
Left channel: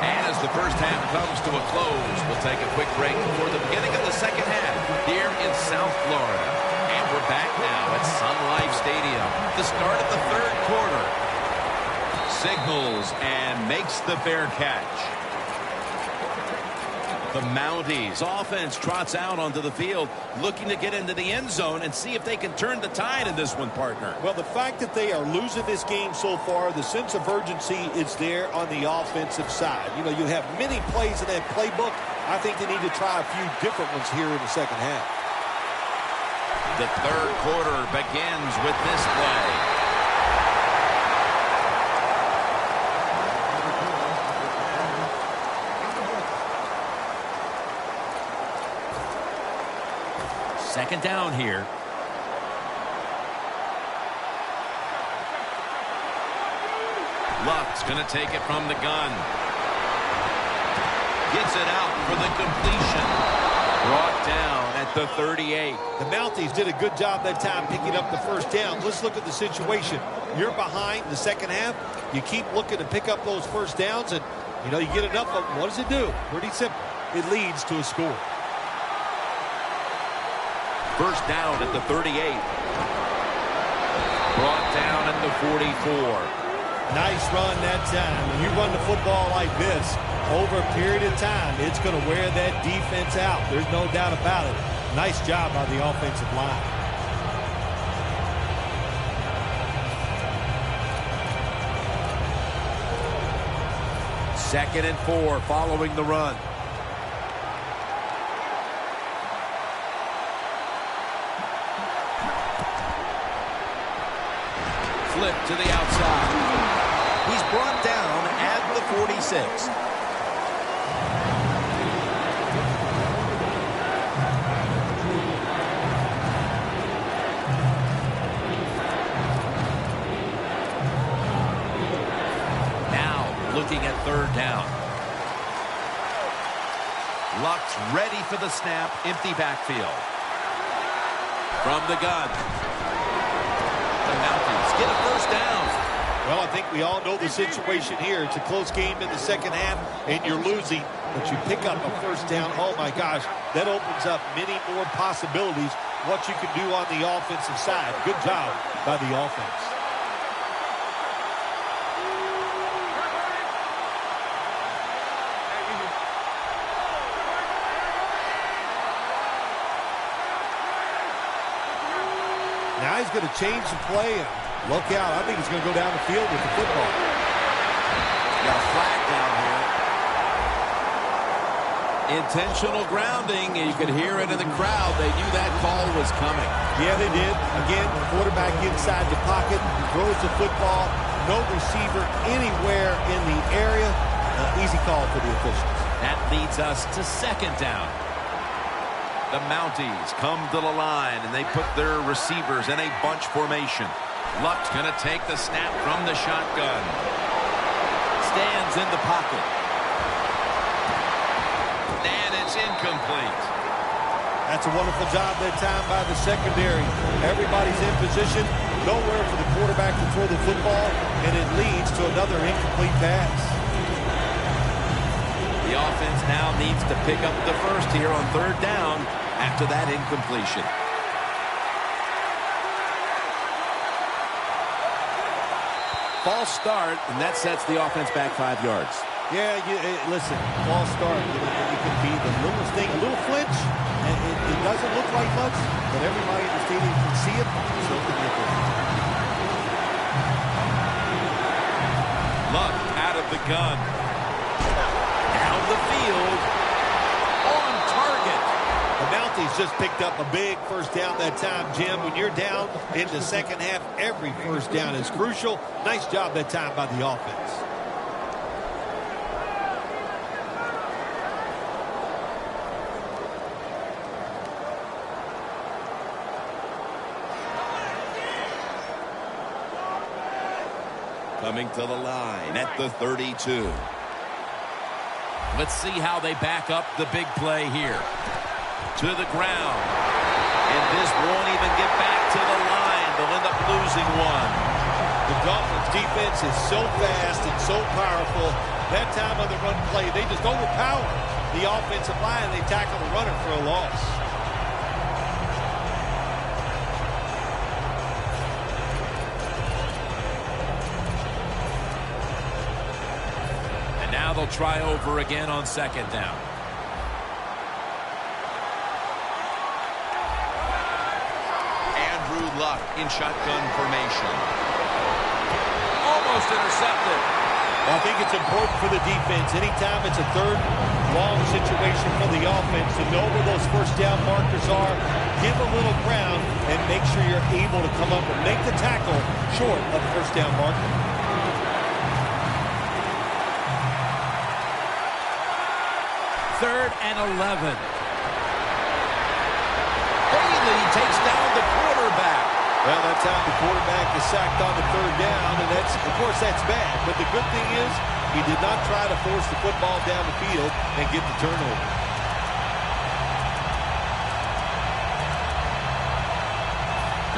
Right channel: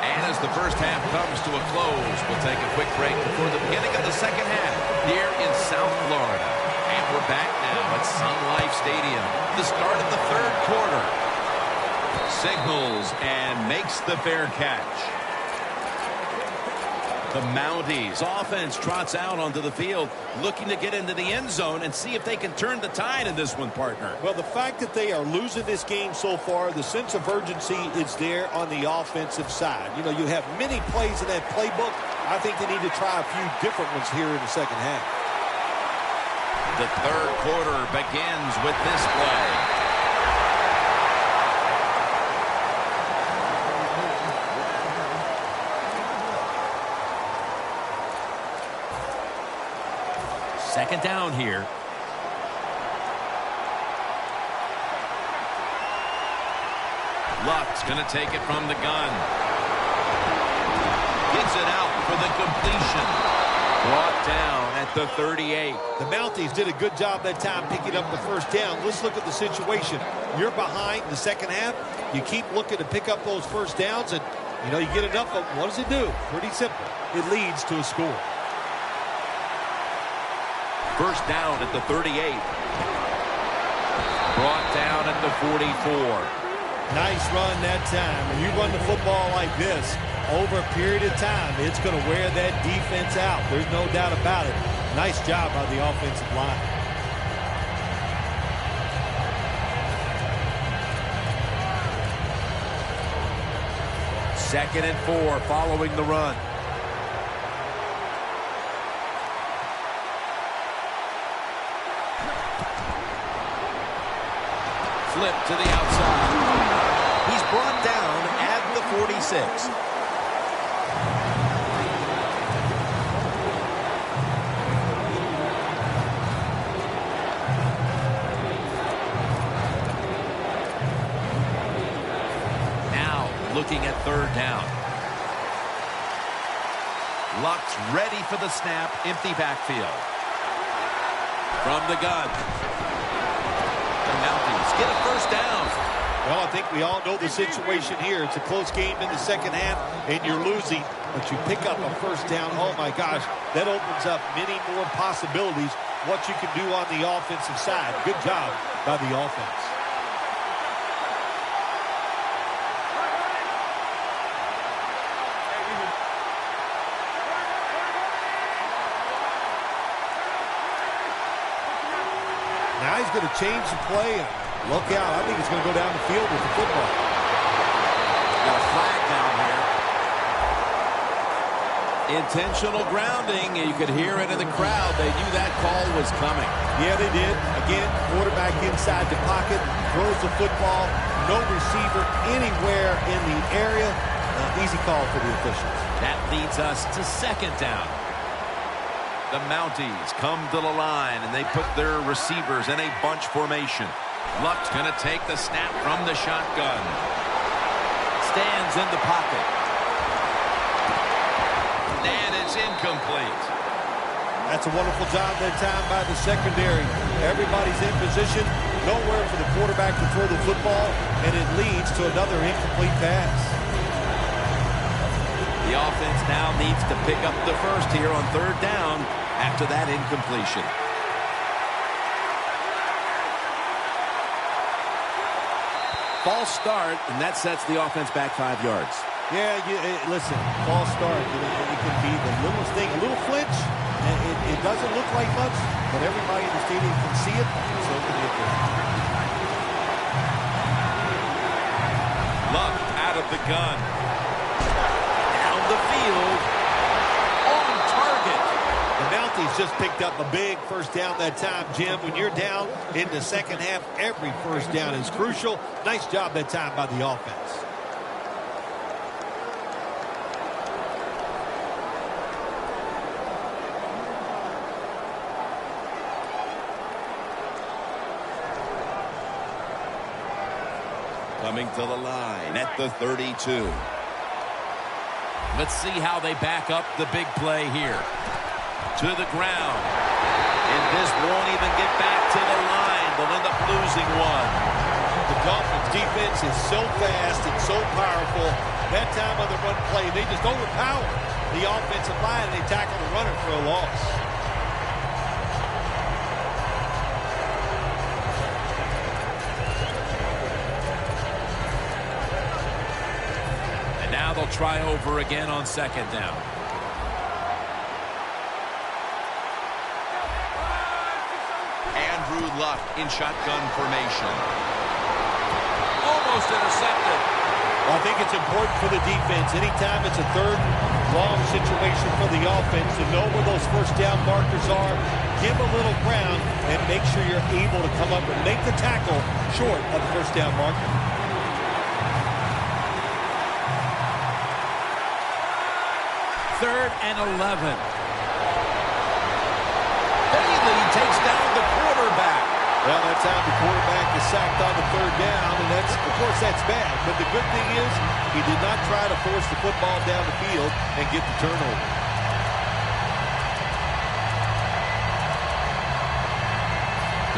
And as the first half comes to a close, we'll take a quick break before the beginning of the second half here in South Florida. And we're back now at Sun Life Stadium. The start of the third quarter. Signals and makes the fair catch. The Mounties offense trots out onto the field, looking to get into the end zone and see if they can turn the tide in this one, partner. Well, the fact that they are losing this game so far, the sense of urgency is there on the offensive side. You know, you have many plays in that playbook. I think they need to try a few different ones here in the second half. The third quarter begins with this play. Second down here. Luck's going to take it from the gun. Gets it out for the completion. Brought down at the 38. The Mounties did a good job that time picking up the first down. Let's look at the situation. You're behind in the second half. You keep looking to pick up those first downs, and, you know, you get enough of them. What does it do? Pretty simple. It leads to a score. First down at the 38. Brought down at the 44. Nice run that time. When you run the football like this, over a period of time, it's going to wear that defense out. There's no doubt about it. Nice job by the offensive line. Second and 4 following the run. Flip to the outside. He's brought down at the 46. looking at third down. Luck's ready for the snap. Empty backfield. From the gun. The Mounties get a first down. Well, I think we all know the situation here. It's a close game in the second half, and you're losing, but you pick up a first down. Oh, my gosh, that opens up many more possibilities, what you can do on the offensive side. Good job by the offense. Now he's going to change the play. And look out. I think he's going to go down the field with the football. Got a flag down here. Intentional grounding. You could hear it in the crowd. They knew that call was coming. Yeah, they did. Again, quarterback inside the pocket, throws the football. No receiver anywhere in the area. Easy call for the officials. That leads us to second down. The Mounties come to the line, and they put their receivers in a bunch formation. Luck's going to take the snap from the shotgun. Stands in the pocket. And it's incomplete. That's a wonderful job that time by the secondary. Everybody's in position. Nowhere for the quarterback to throw the football, and it leads to another incomplete pass. The offense now needs to pick up the first here on third down after that incompletion. False start, and that sets the offense back 5 yards. Yeah, listen, false start. It can be the littlest thing, a little flinch. It doesn't look like much, but everybody in the stadium can see it, so can the official. Luck out of the gun. Down the field. On target. The Mounties just picked up a big first down that time, Jim. When you're down in the second half, every first down is crucial. Nice job that time by the offense. Coming to the line at the 32. Let's see how they back up the big play here. To the ground. And this won't even get back to the line. They'll end up losing one. The Dolphins defense is so fast and so powerful. That time on the run play, they just overpower the offensive line. They tackle the runner for a loss. And now they'll try over again on second down. Andrew Luck in shotgun formation. Almost intercepted. Well, I think it's important for the defense. Anytime it's a third and long situation for the offense to know where those first down markers are, give a little ground, and make sure you're able to come up and make the tackle short of the first down marker. Third and 11. Bailey takes down the quarterback. Well, that time the quarterback is sacked on the third down, and of course, that's bad. But the good thing is he did not try to force the football down the field and get the turnover.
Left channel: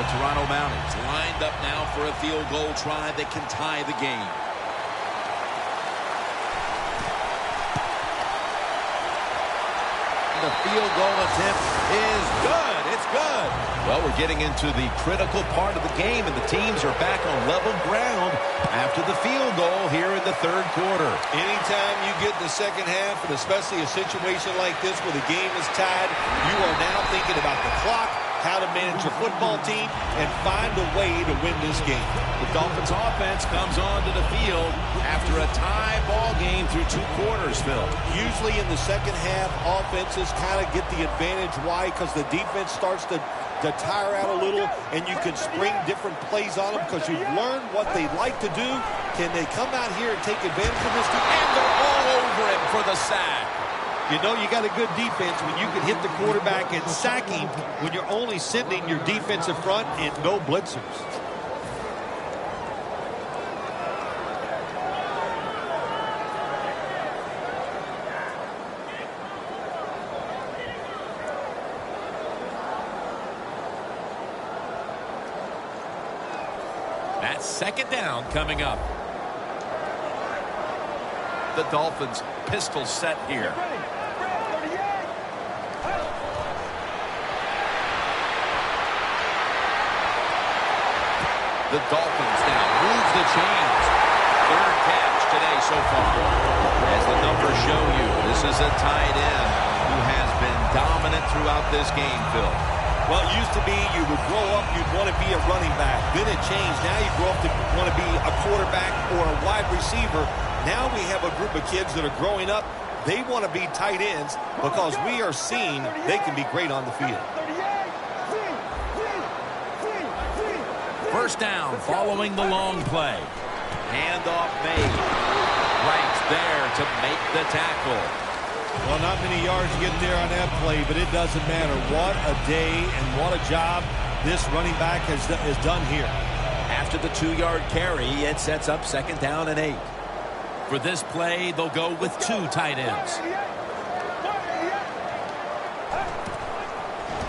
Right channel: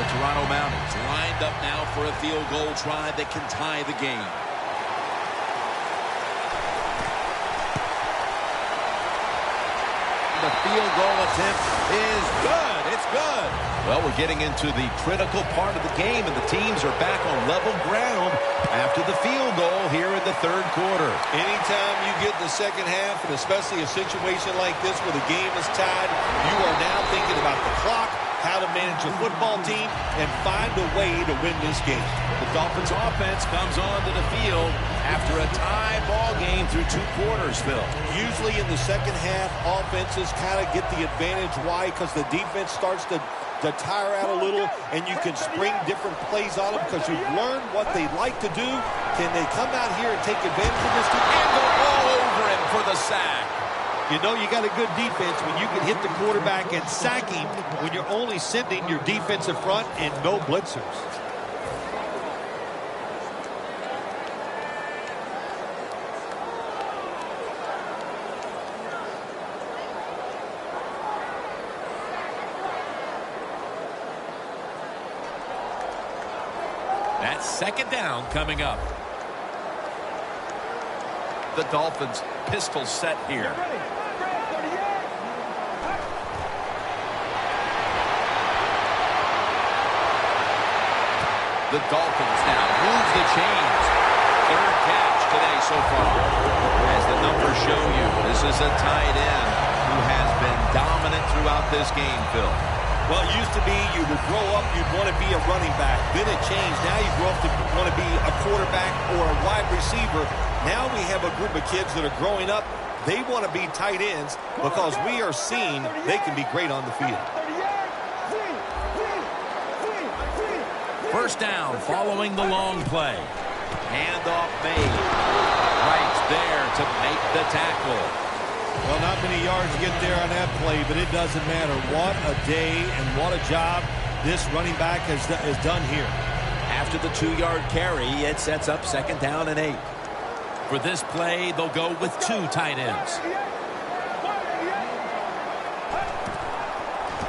The Toronto Mounties lined up now for a field goal try that can tie the game. The field goal attempt is good. It's good. Well, we're getting into the critical part of the game, and the teams are back on level ground after the field goal here in the third quarter. Anytime you get in the second half, and especially a situation like this where the game is tied, you are now thinking about the clock, how to manage your football team, and find a way to win this game. The Dolphins offense comes onto the field after a tie ball game through 2 quarters, Phil. Usually in the second half, offenses kind of get the advantage. Why? Because the defense starts to tire out a little, and you can spring different plays on them because you've learned what they like to do. Can they come out here and take advantage of this? And they're all over him for the sack. You know you got a good defense when you can hit the quarterback and sack him when you're only sending your defensive front and no blitzers. That's second down coming up. The Dolphins pistol set here. The Dolphins now move the chains. Third catch today so far. As the numbers show you, this is a tight end who has been dominant throughout this game, Phil. Well, it used to be you would grow up, you'd want to be a running back. Then it changed. Now you grow up to want to be a quarterback or a wide receiver. Now we have a group of kids that are growing up. They want to be tight ends because we are seeing they can be great on the field. First down following the long play. Handoff made. Right there to make the tackle. Well, not many yards to get there on that play, but it doesn't matter. What a day and what a job this running back has done here. After the 2-yard carry, it sets up second down and 8. For this play, they'll go with 2 tight ends.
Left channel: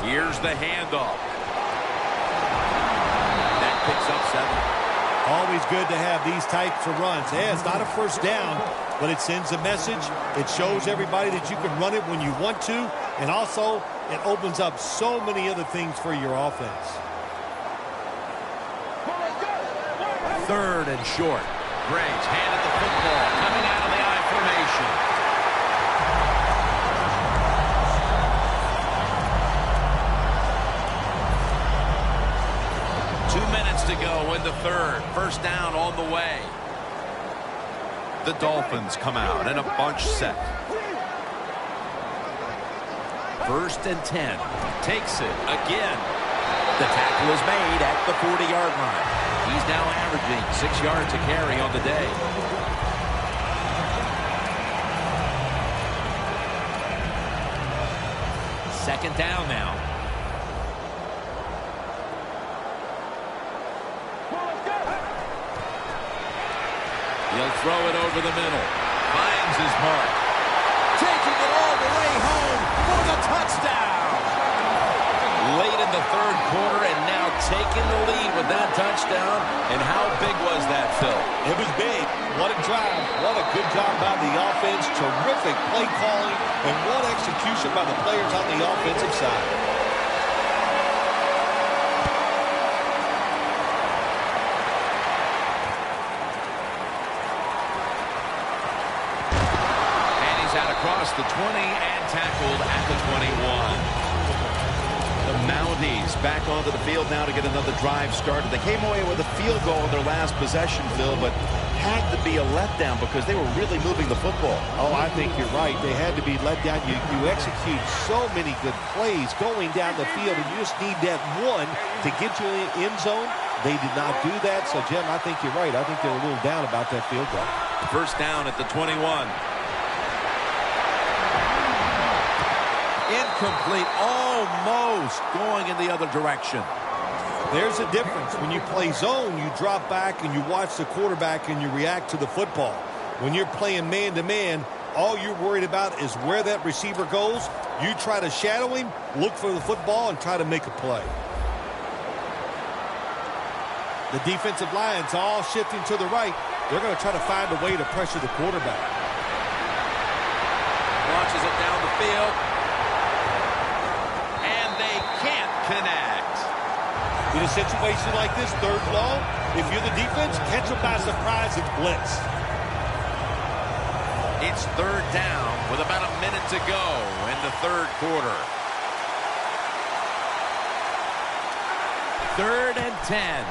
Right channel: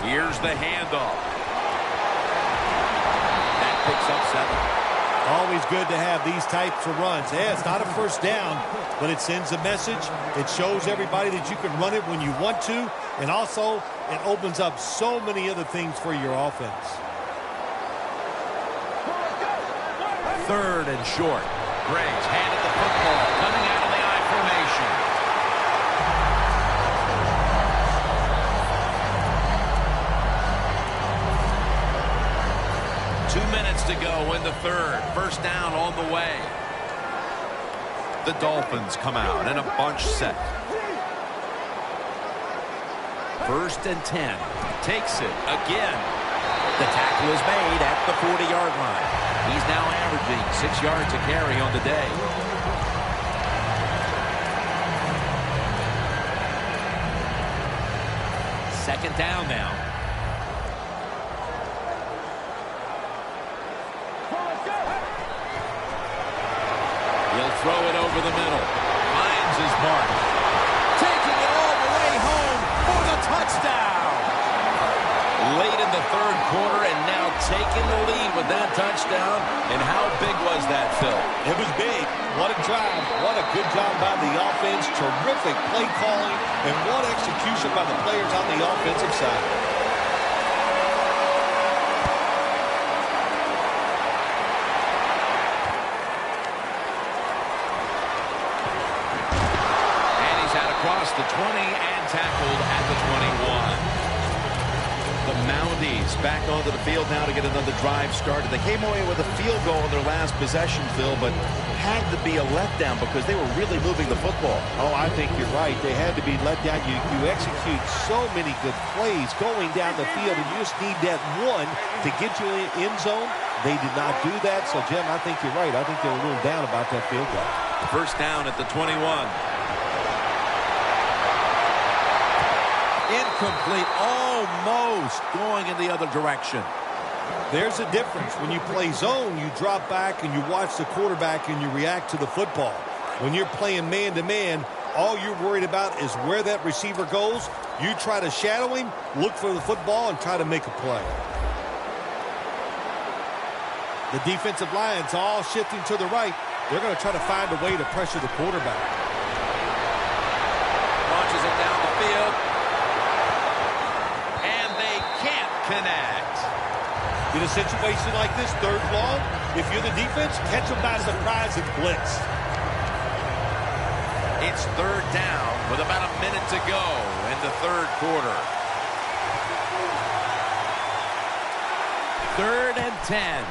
Here's the handoff. That picks up 7. Always good to have these types of runs. Yeah, it's not a first down, but it sends a message. It shows everybody that you can run it when you want to, and also it opens up so many other things for your offense. Third and short. Gray's handed the football coming out of the I formation. 2 minutes to go in the third. First down on the way. The Dolphins come out in a bunch set. First and 10. Takes it again. The tackle is made at the 40-yard line. He's now averaging 6 yards a carry on the day. Second down now. He'll throw it over the middle. Finds his mark. Taking it all the way home for the touchdown. Late in the third quarter and now taking the lead with that touchdown. And how big was that, Phil? It was big. What a drive. What a good job by the offense. Terrific play calling. And what execution by the players on the offensive side. Across the 20 and tackled at the 21. The Mounties back onto the field now to get another drive started. They came away with a field goal in their last possession, Phil, but had to be a letdown because they were really moving the football. Oh, I think you're right. They had to be let down. You execute so many good plays going down the field, and you just need that one to get you in the end zone. They did not do that. So, Jim, I think you're right. I think they're a little down about that field goal. First down at the 21. Incomplete, almost going in the other direction. There's a difference. When you play zone, you drop back and you watch the quarterback and you react to the football. When you're playing man-to-man, all you're worried about is where that receiver goes. You try to shadow him, look for the football, and try to make a play. The defensive line's all shifting to the right. They're going to try to find a way to pressure the quarterback. Launches it down the field. And they can't connect. In a situation like this, third long, if you're the defense, catch them by surprise and blitz. It's third down with about a minute to go in the third quarter. 3rd and 10.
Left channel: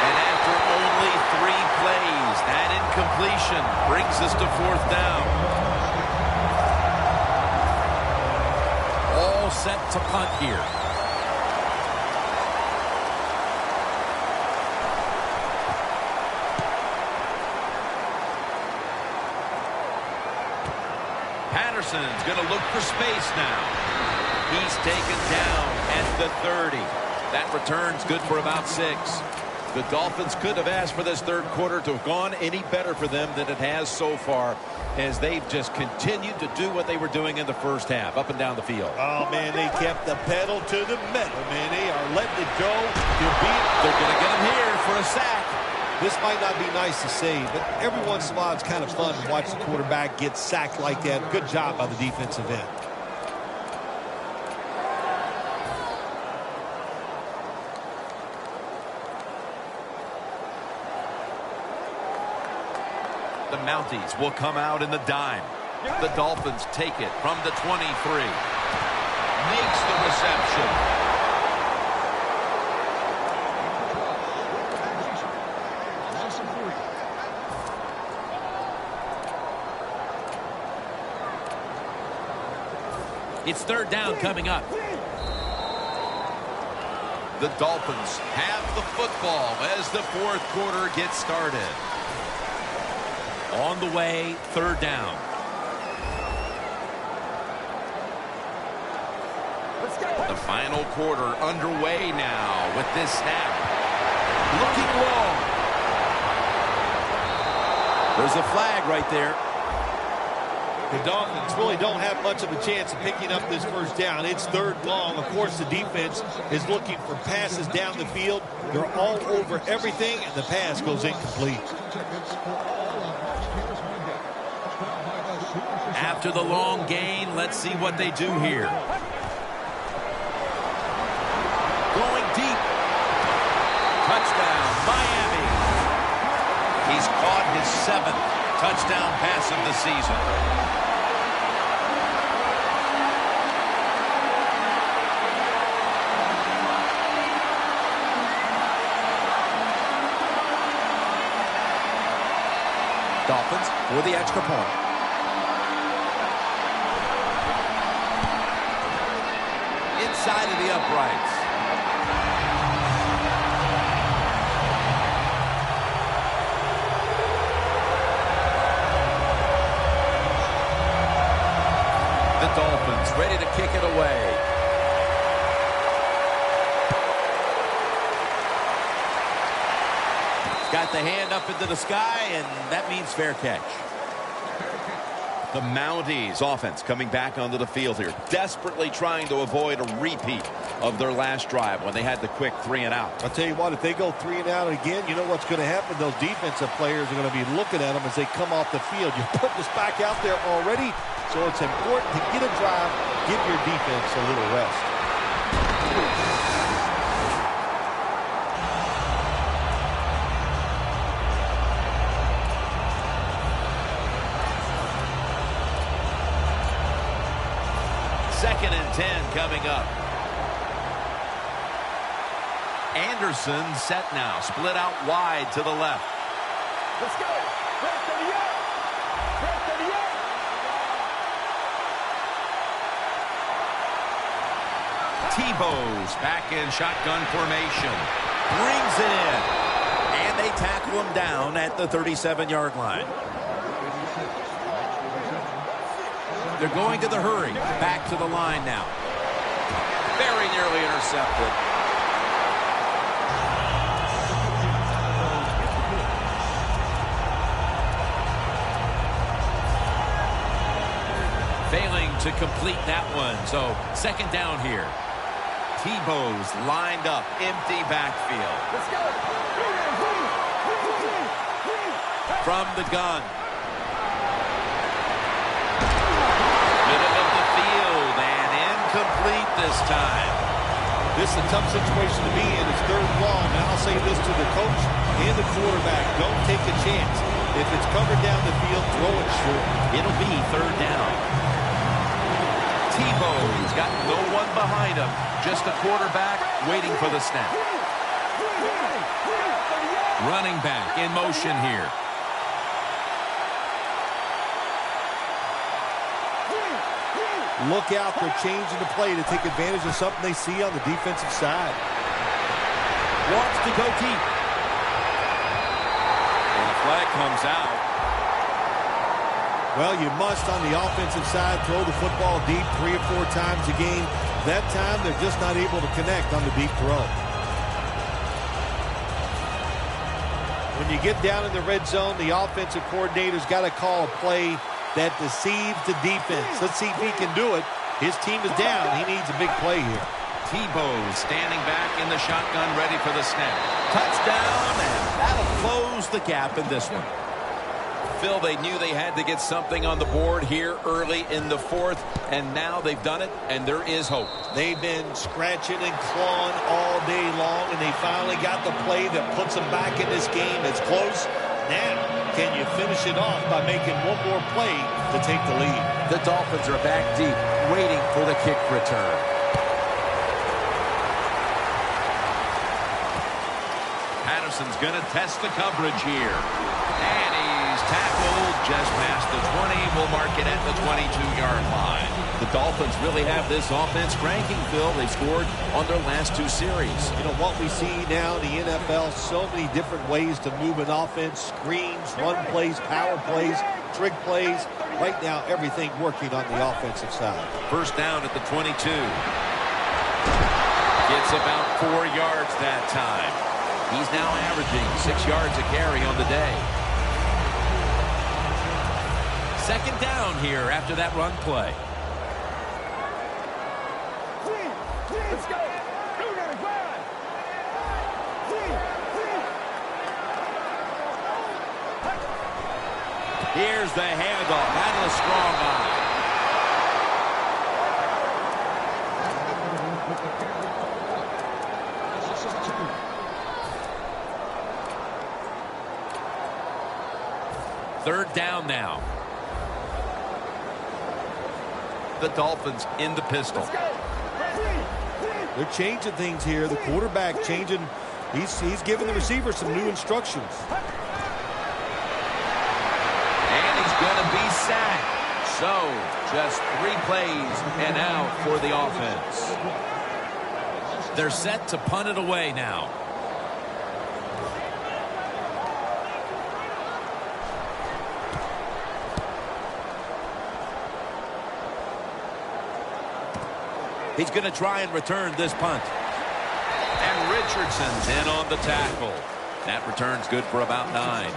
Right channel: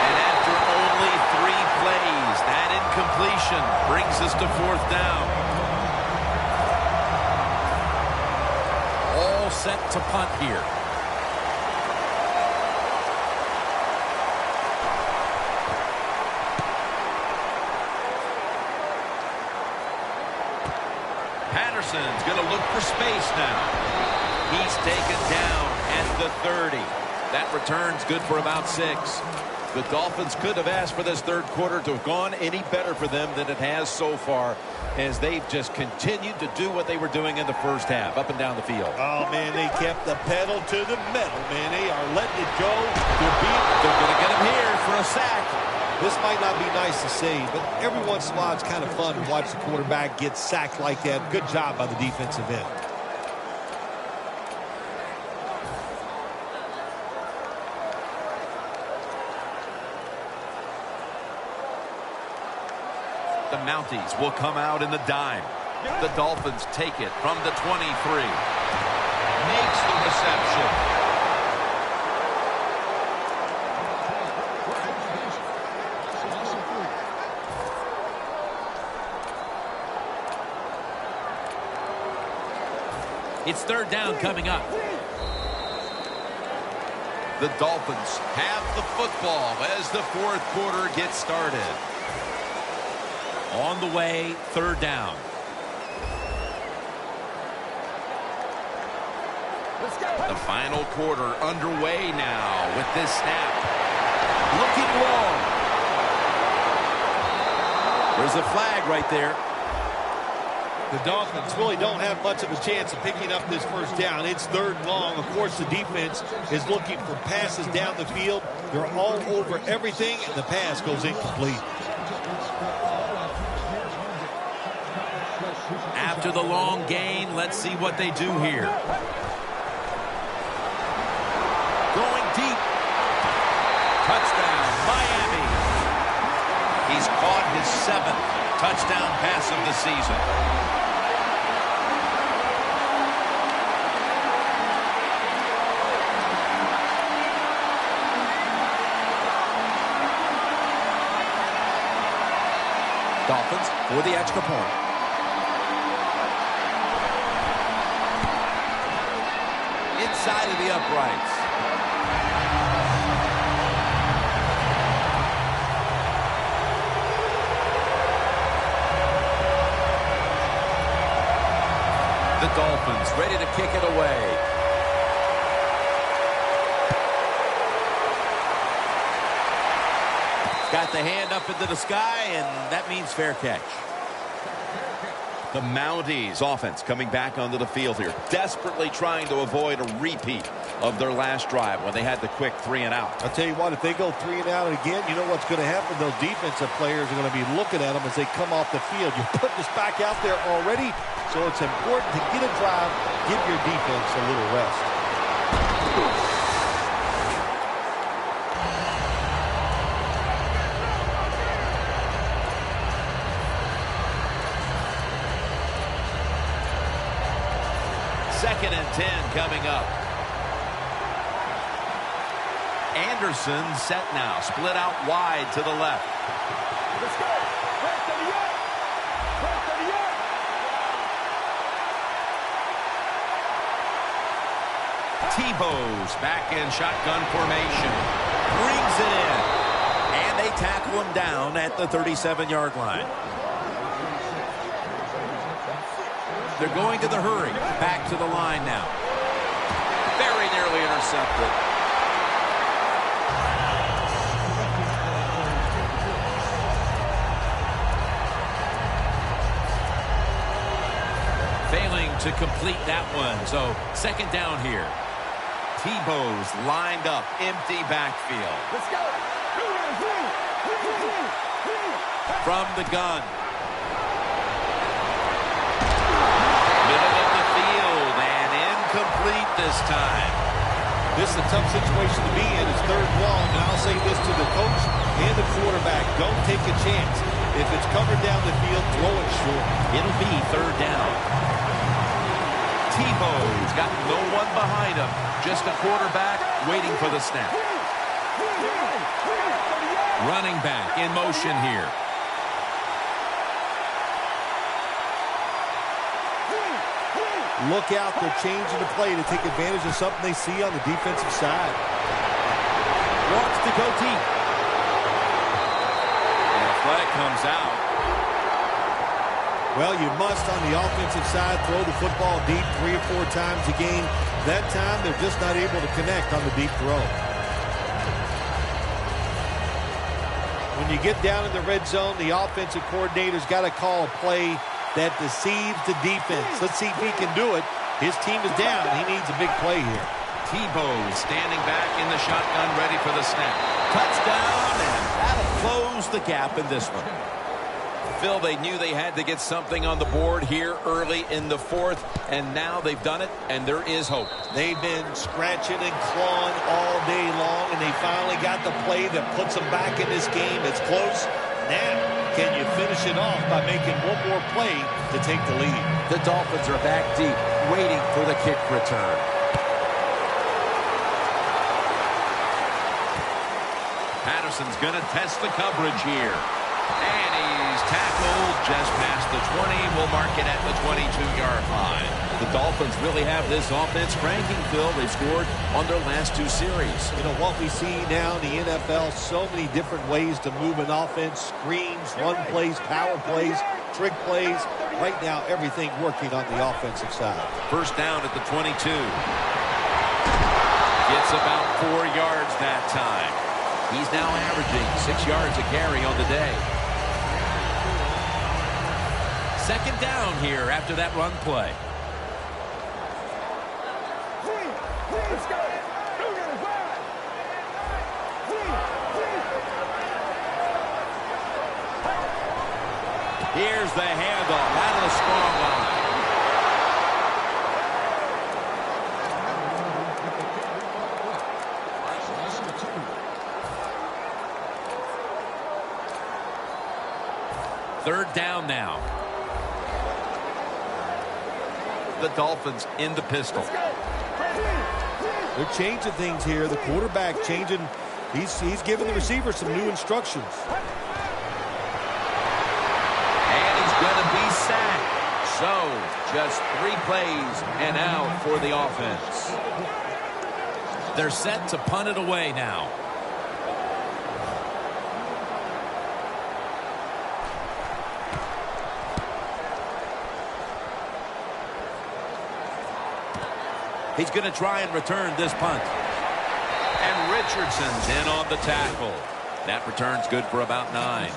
And after only 3 plays, that incompletion brings us to 4th down. All set to punt here. Patterson's going to look for space now. He's taken down at the 30. That return's good for about 6. The Dolphins could have asked for this third quarter to have gone any better for them than it has so far, as they've just continued to do what they were doing in the first half, up and down the field. Oh, man, they kept the pedal to the metal, man. They are letting it go. They're going to get him here for a sack. This might not be nice to say, but every once in a while it's kind of fun to watch the quarterback get sacked like that. Good job by the defensive end. The Mounties will come out in the dime. The Dolphins take it from the 23. Makes the reception. It's third down coming up. The Dolphins have the football as the fourth quarter gets started. On the way, third down. The final quarter underway now with this snap. Looking long. There's a flag right there. The Dolphins really don't have much of a chance of picking up this first down. It's third and long. Of course, the defense is looking for passes down the field. They're all over everything, and the pass goes incomplete. After the long gain, let's see what they do here. Going deep. Touchdown, Miami. He's caught his 7th touchdown pass of the season. Dolphins for the extra point. Inside of the uprights. The Dolphins ready to kick it away. Got the hand up into the sky, and that means fair catch. The Mounties offense coming back onto the field here, desperately trying to avoid a repeat of their last drive when they had the quick 3 and out. I'll tell you what, if they go 3 and out again, you know what's going to happen? Those defensive players are going to be looking at them as they come off the field. You're putting this back out there already, so it's important to get a drive, give your defense a little rest. Second and 10 coming up. Anderson set now, split out wide to the left. Let's go. Press 38. Press 38. Tebow's back in shotgun formation. Brings it in. And they tackle him down at the 37-yard line. They're going to the hurry. Back to the line now. Very nearly intercepted. Failing to complete that one. So second down here. Tebow's lined up. Empty backfield. Let's go. From the gun. Middle of the field and incomplete this time. This is a tough situation to be in. It's third and long, and I'll say this to the coach and the quarterback. Don't take a chance. If it's covered down the field, throw it short. It'll be third down. Tebow's got no one behind him. Just a quarterback waiting for the snap. Running back in motion here. Look out, they're changing the play to take advantage of something they see on the defensive side. Wants to go deep. And a flag comes out. Well, you must, on the offensive side, throw the football deep 3 or 4 times a game. That time, they're just not able to connect on the deep throw. When you get down in the red zone, the offensive coordinator's got to call a play that deceives the defense. Let's see if he can do it. His team is down. He needs a big play here. Tebow standing back in the shotgun, ready for the snap. Touchdown, and that'll close the gap in this one. Phil, they knew they had to get something on the board here early in the fourth, and now they've done it, and there is hope. They've been scratching and clawing all day long, and they finally got the play that puts them back in this game. It's close. Now, can you finish it off by making one more play to take the lead? The Dolphins are back deep, waiting for the kick return. Patterson's going to test the coverage here. And he's tackled just past the 20. We'll mark it at the 22-yard line. The Dolphins really have this offense cranking, Phil. They've scored on their last two series. You know, what we see now in the NFL, so many different ways to move an offense. Screens, run plays, power plays, trick plays. Right now, everything working on the offensive side. First down at the 22. Gets about 4 yards that time. He's now averaging 6 yards a carry on the day. Second down here after that run play. Let's go. Here's the handoff out of the strong eye. Third down now. The Dolphins in the pistol. They're changing things here. The quarterback changing. He's giving the receiver some new instructions. And he's going to be sacked. So, just 3 plays and out for the offense. They're set to punt it away now. He's going to try and return this punt. And Richardson's in on the tackle. That return's good for about 9.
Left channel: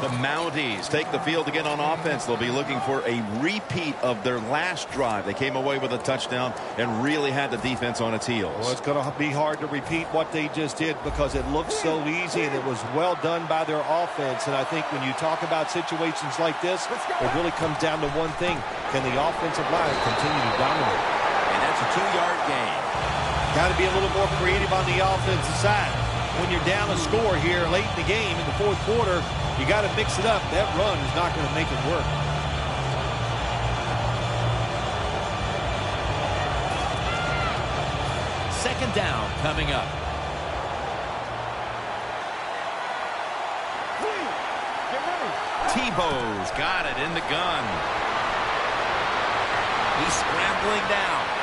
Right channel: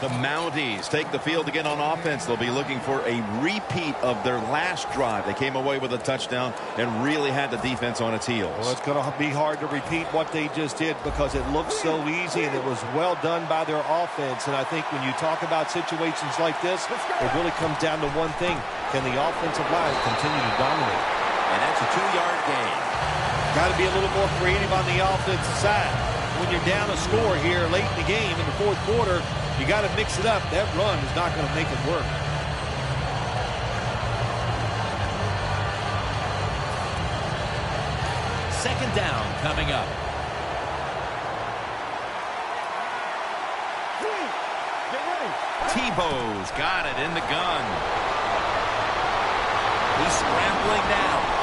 The Mounties take the field again on offense. They'll be looking for a repeat of their last drive. They came away with a touchdown and really had the defense on its heels. Well, it's going to be hard to repeat what they just did because it looked so easy and it was well done by their offense. And I think when you talk about situations like this, it really comes down to one thing. Can the offensive line continue to dominate? And that's a 2-yard gain. Got to be a little more creative on the offensive side. When you're down a score here late in the game in the fourth quarter, you got to mix it up. That run is not going to make it work. Second down coming up. Get ready. Tebow's got it in the gun. He's scrambling down.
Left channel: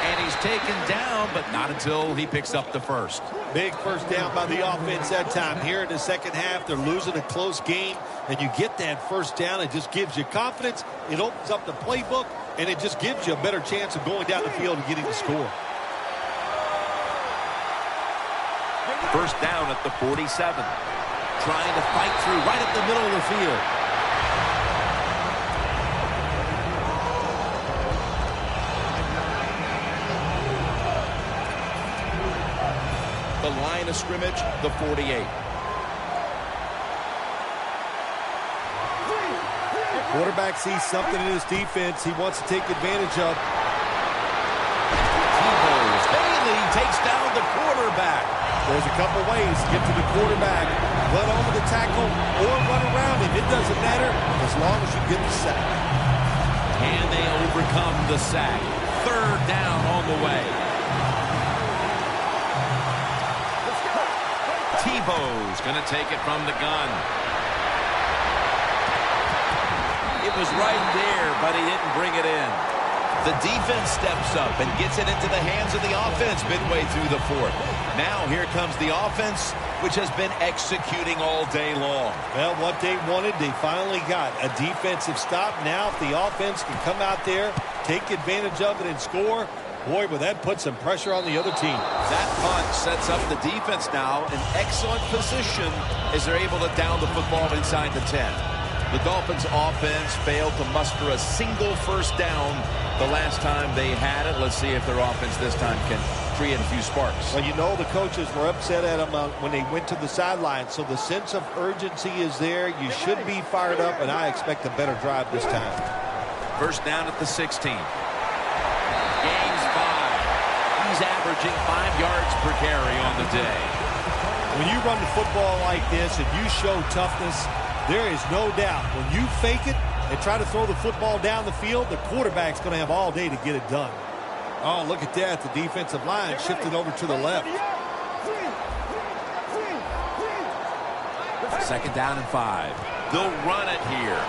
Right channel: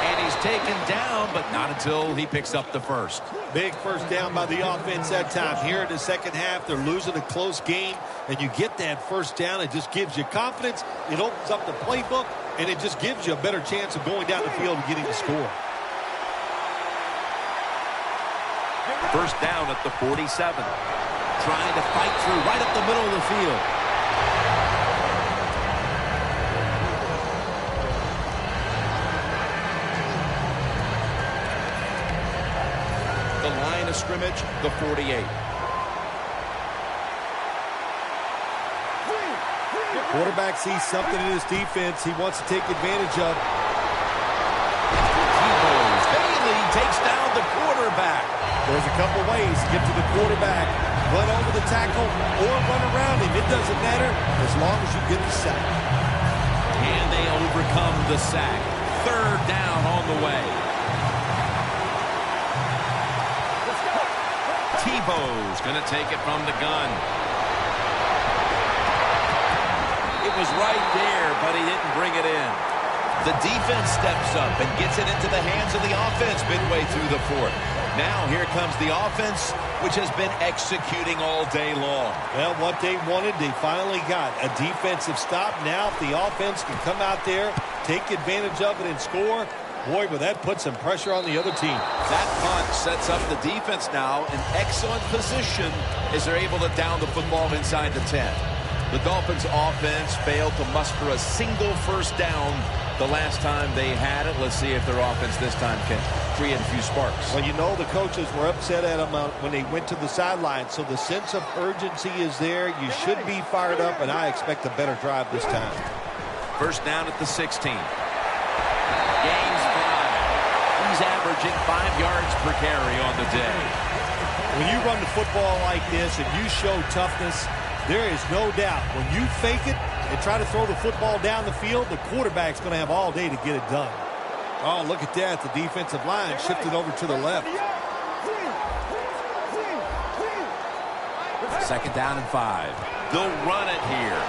And he's taken down, but not until he picks up the first. Big first down by the offense that time. Here in the second half, they're losing a close game, and you get that first down. It just gives you confidence. It opens up the playbook, and it just gives you a better chance of going down the field and getting the score. First down at the 47. Trying to fight through right up the middle of the field. The line of scrimmage, the 48. Quarterback sees something in his defense he wants to take advantage of. Tebow's Bailey takes down the quarterback. There's a couple ways to get to the quarterback. Run over the tackle or run around him. It doesn't matter as long as you get the sack. And they overcome the sack. Third down on the way. Tebow's going to take it from the gun. It was right there, but he didn't bring it in. The defense steps up and gets it into the hands of the offense midway through the fourth. Now here comes the offense, which has been executing all day long. Well, what they wanted, they finally got. A defensive stop. Now if the offense can come out there, take advantage of it and score, Boy, but that puts some pressure on the other team. That punt sets up the defense now in excellent position as they're able to down the football inside the 10. The Dolphins offense failed to muster a single first down the last time they had it. Let's see if their offense this time can create a few sparks. Well, you know the coaches were upset at them when they went to the sideline, so the sense of urgency is there. You should be fired up, and I expect a better drive this time. First down at the 16. Gains 5. He's averaging 5 yards per carry on the day. When you run the football like this and you show toughness, there is no doubt when you fake it and try to throw the football down the field, the quarterback's going to have all day to get it done. Oh, look at that. The defensive line shifted over to the left. Second down and 5. They'll run it here.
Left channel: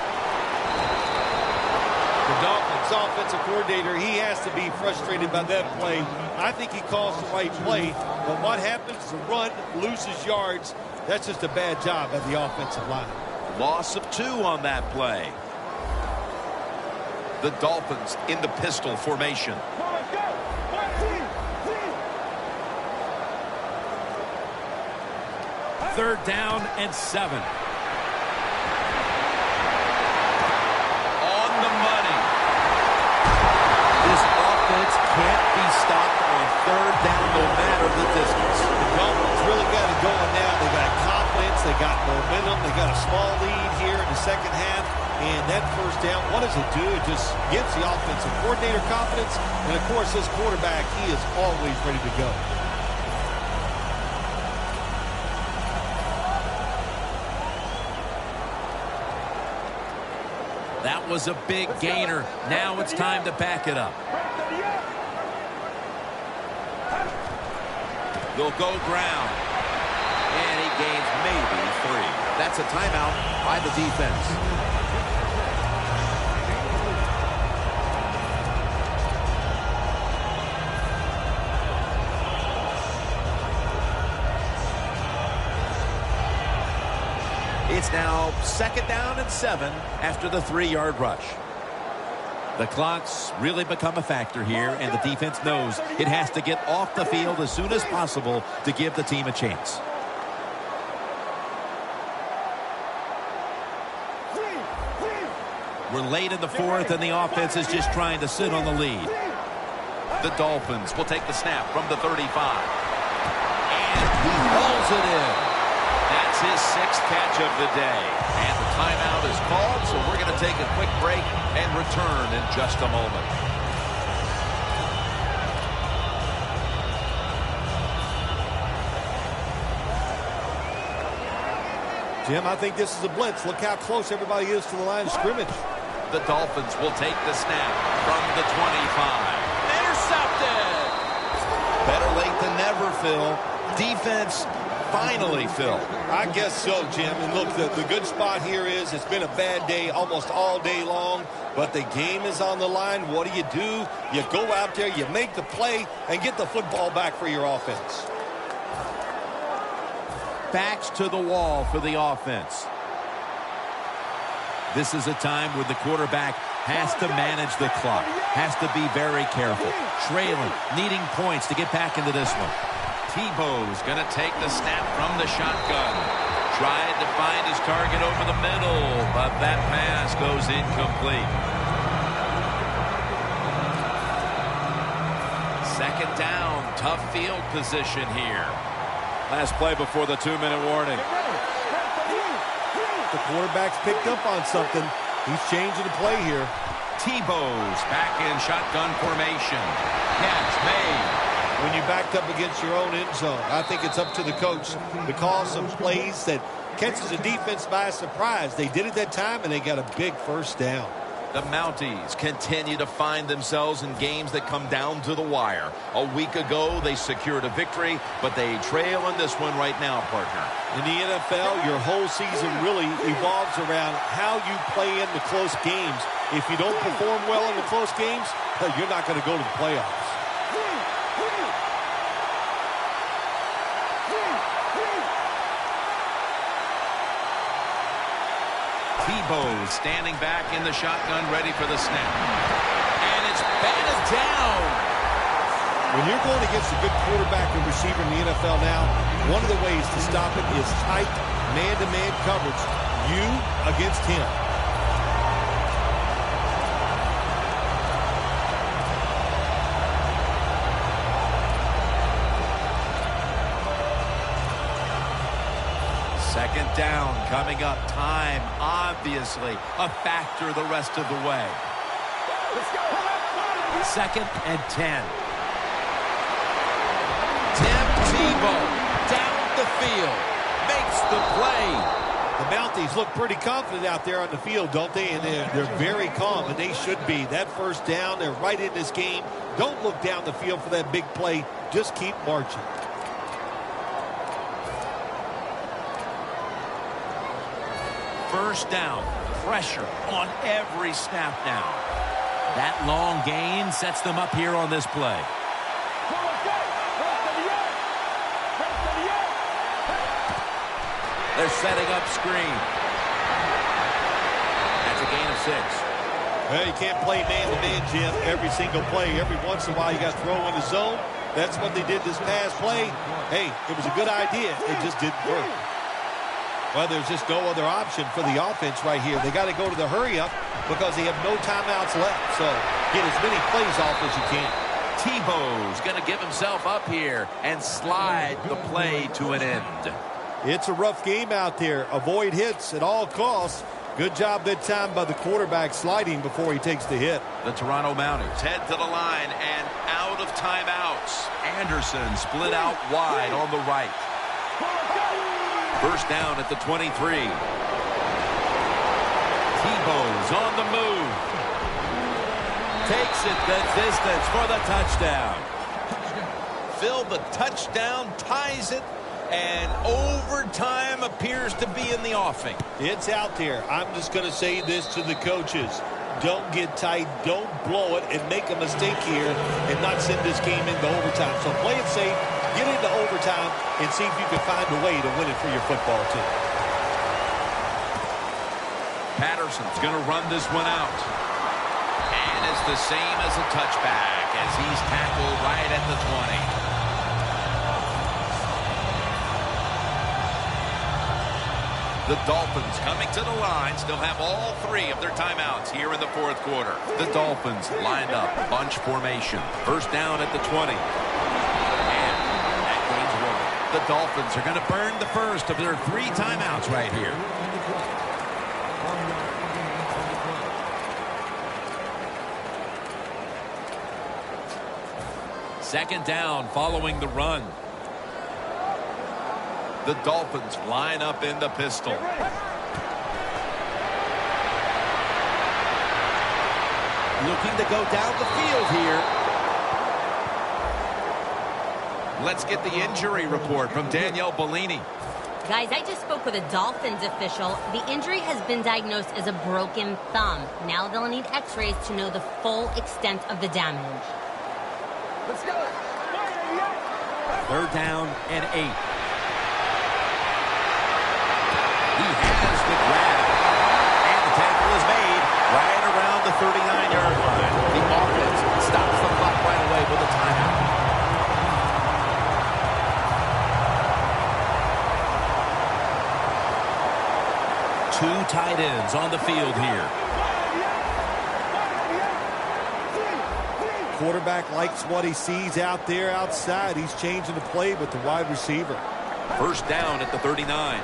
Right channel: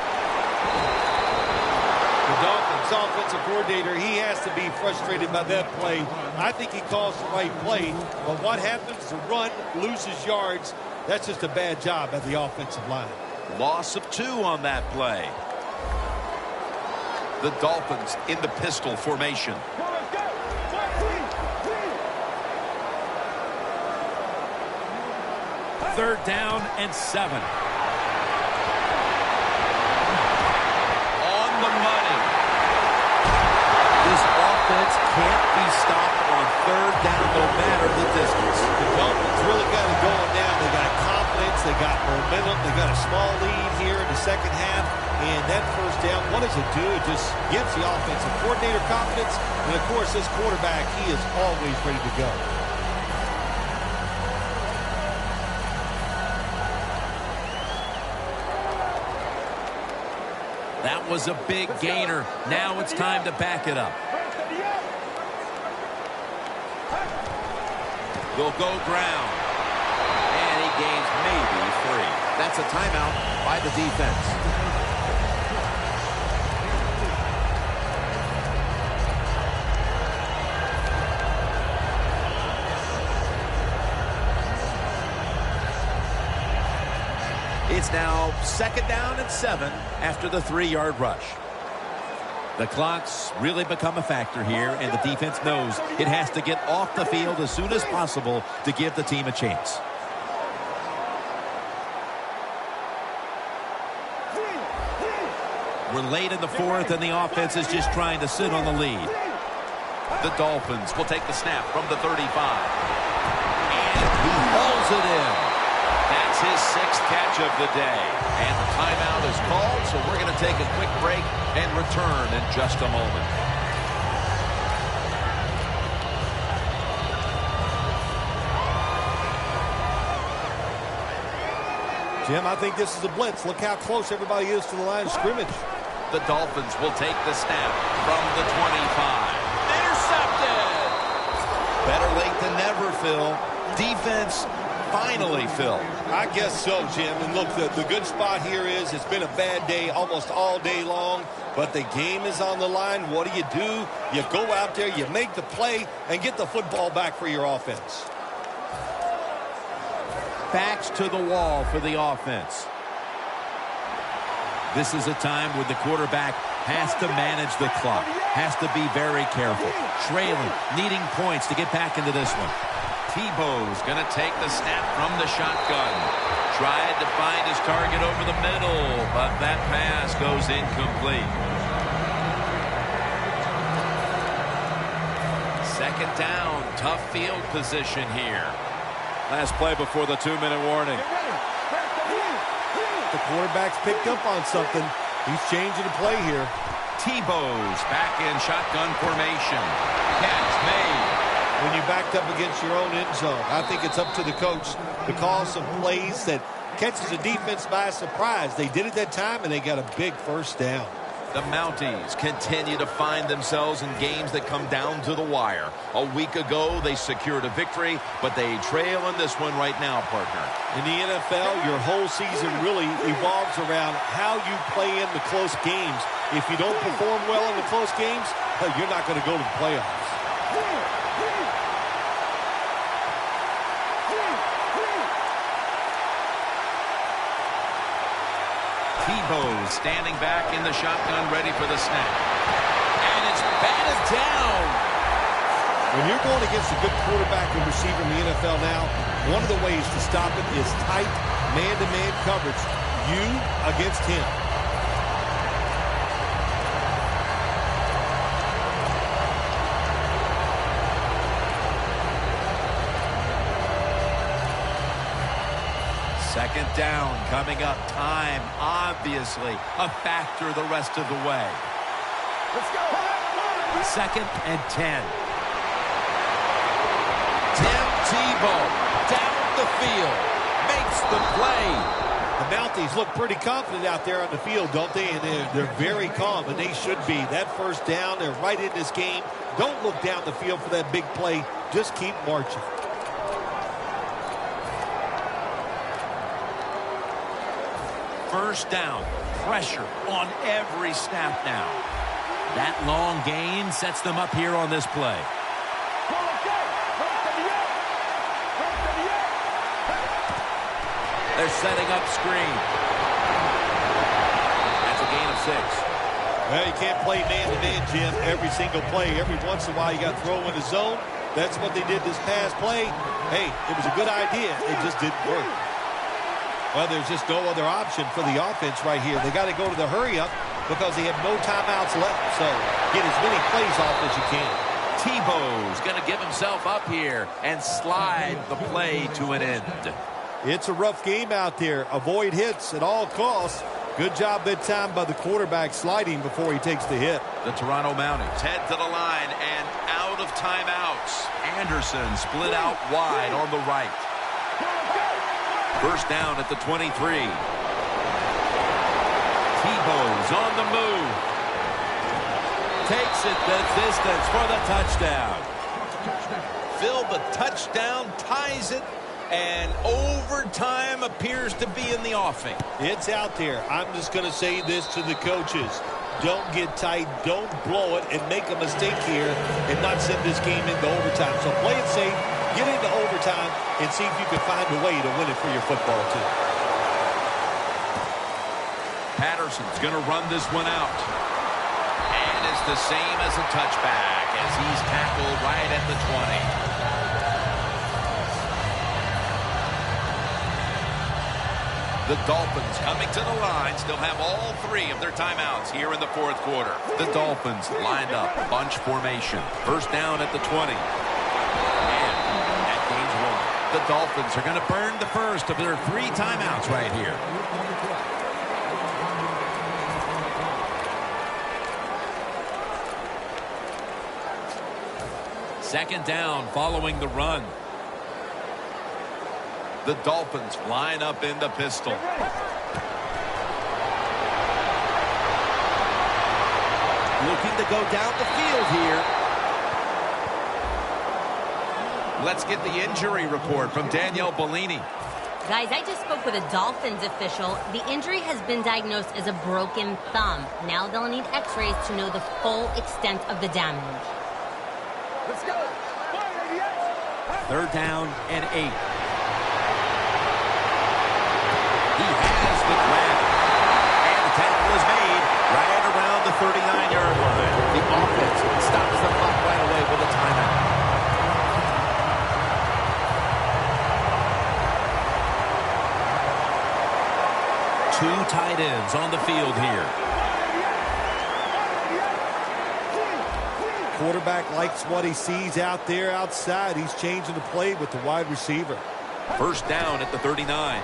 The Dolphins offensive coordinator, he has to be frustrated by that play. I think he calls the right play, but what happens? The run loses yards. That's just a bad job at the offensive line. Loss of 2 on that play. The Dolphins in the pistol formation. Third down and 7. On the money. This offense can't be stopped on third down no matter the distance. The Dolphins really got it going now. They got confidence. They got momentum. They got a small lead here in the second half. And that first down, what does it do? It just gives the offensive coordinator confidence. And, of course, this quarterback, he is always ready to go. That was a big gainer. Now it's time to back it up. They'll go ground. And he gains maybe 3. That's a timeout by the defense. It's now second down and 7 after the 3-yard rush. The clock's really become a factor here, and the defense knows it has to get off the field as soon as possible to give the team a chance. We're late in the fourth, and the offense is just trying to sit on the lead. The Dolphins will take the snap from the 35. And he hauls it in. That's his 6th catch of the day. And the timeout is called, so we're going to take a quick break and return in just a moment. Jim, I think this is a blitz. Look how close everybody is to the line of scrimmage. The Dolphins will take the snap from the 25. Intercepted! Better late than never, Phil. Defense finally, Phil. I guess so, Jim. And look, the good spot here is it's been a bad day almost all day long, but the game is on the line. What do? You go out there, you make the play, and get the football back for your offense. Backs to the wall for the offense. This is a time when the quarterback has to manage the clock, has to be very careful, trailing, needing points to get back into this one. Tebow's going to take the snap from the shotgun. Tried to find his target over the middle, but that pass goes incomplete. Second down, tough field position here. Last play before the 2-minute warning. The quarterback's picked up on something. He's changing the play here. Tebow's back in shotgun formation. Catch made. When you backed up against your own end zone, I think it's up to the coach to call some plays that catches the defense by surprise. They did it that time, and they got a big first down. The Mounties continue to find themselves in games that come down to the wire. A week ago, they secured a victory, but they trail in this one right now, partner. In the NFL, your whole season really evolves around how you play in the close games. If you don't perform well in the close games, you're not going to go to the playoffs. Tebow standing back in the shotgun, ready for the snap. And it's batted down. When you're going against a good quarterback and receiver in the NFL now, one of the ways to stop it is tight man-to-man coverage. You against him. Second down coming up. Time, obviously, a factor the rest of the way. Let's go. Second and 10. Tim Tebow down the field. Makes the play. The Mounties look pretty confident out there on the field, don't they? And they're very calm, and they should be. That first down, they're right in this game. Don't look down the field for that big play. Just keep marching. First down. Pressure on every snap now. That long gain sets them up here on this play. They're setting up screen. That's a gain of 6. Well, you can't play man-to-man, Jim, every single play. Every once in a while, you got to throw in the zone. That's what they did this past play. Hey, it was a good idea. It just didn't work. Well, there's just no other option for the offense right here. They got to go to the hurry-up because they have no timeouts left. So get as many plays off as you can. Tebow's going to give himself up here and slide the play to an end. It's a rough game out there. Avoid hits at all costs. Good job that time by the quarterback sliding before he takes the hit. The Toronto Mounties head to the line and out of timeouts. Anderson split out wide on the right. First down at the 23. Tebow's on the move. Takes it the distance for the touchdown. Phil, the touchdown ties it, and overtime appears to be in the offing. It's out there. I'm just going to say this to the coaches. Don't get tight. Don't blow it and make a mistake here and not send this game into overtime. So play it safe, get into overtime, and see if you can find a way to win it for your football team. Patterson's going to run this one out. And it's the same as a touchback as he's tackled right at the 20. The Dolphins coming to the line still have all 3 of their timeouts here in the fourth quarter. The Dolphins lined up, bunch formation. First down at the 20. And that gains 1. The Dolphins are going to burn the first of their 3 timeouts right here. Second down following the run. The Dolphins line up in the pistol. Looking to go down the field here. Let's get the injury report from Danielle Bellini. Guys, I just spoke with a Dolphins official. The injury has been diagnosed as a broken thumb. Now they'll need x-rays to know the full extent of the damage. Let's go. Third down and 8. He has the grab. And the tackle is made right around the 39-yard line. The offense stops the clock right away with a timeout. Two tight ends on the field here. Quarterback likes what he sees out there outside. He's changing the play with the wide receiver. First down at the 39.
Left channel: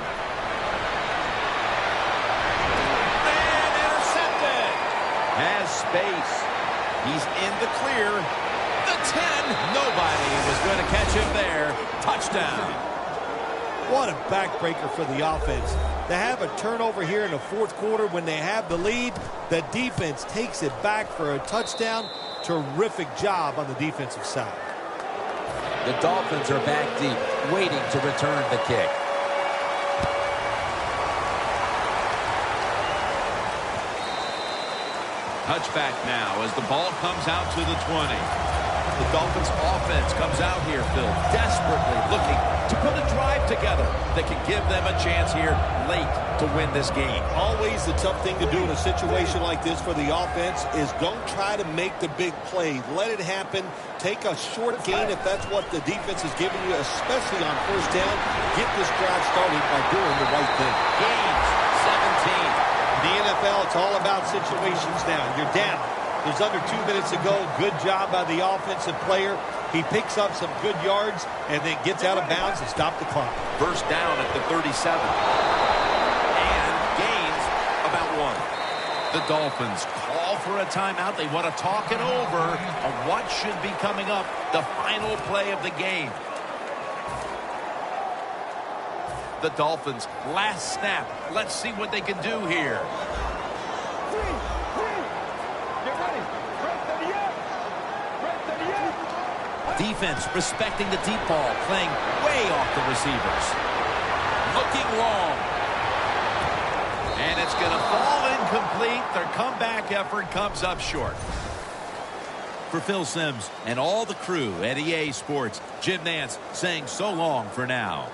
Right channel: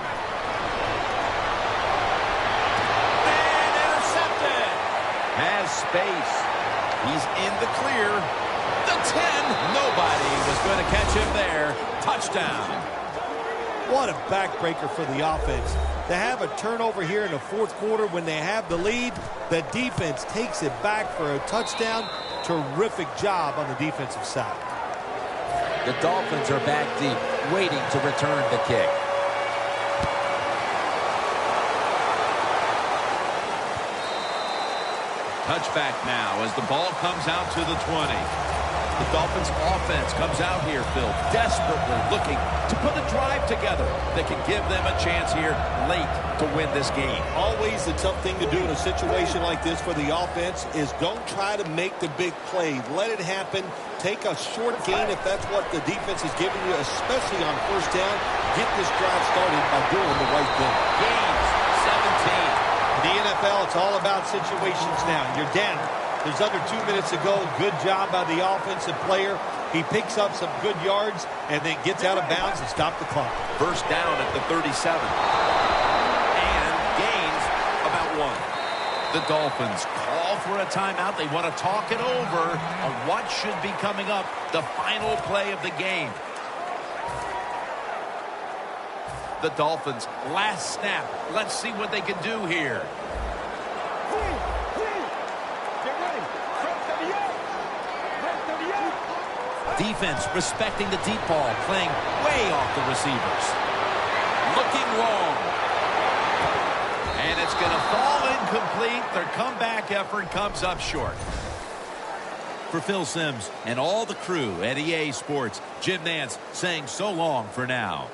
Has space. He's in the clear. The 10. Nobody was going to catch him there. Touchdown. What a backbreaker for the offense. To have a turnover here in the fourth quarter when they have the lead, the defense takes it back for a touchdown. Terrific job on the defensive side. The Dolphins are back deep, waiting to return the kick. Touchback now as the ball comes out to the 20. The Dolphins offense comes out here, Phil, desperately looking to put a drive together that can give them a chance here late to win this game. Always the tough thing to do in a situation like this for the offense is don't try to make the big play. Let it happen. take a short gain if that's what the defense is giving you, especially on first down. Get this drive started by doing the right thing. Gains 17. In the NFL, it's all about situations now. You're down. There's under 2 minutes to go. Good job by the offensive player. He picks up some good yards and then gets out of bounds and stops the clock. First down at the 37. And gains about 1. The Dolphins call for a timeout. They want to talk it over on what should be coming up, the final play of the game. The Dolphins, last snap. Let's see what they can do here. Get ready. Red 38. Red 38. Defense respecting the deep ball, playing way off the receivers. Looking long. And it's going to fall incomplete. Their comeback effort comes up short. For Phil Simms and all the crew at EA Sports, Jim Nantz saying so long for now.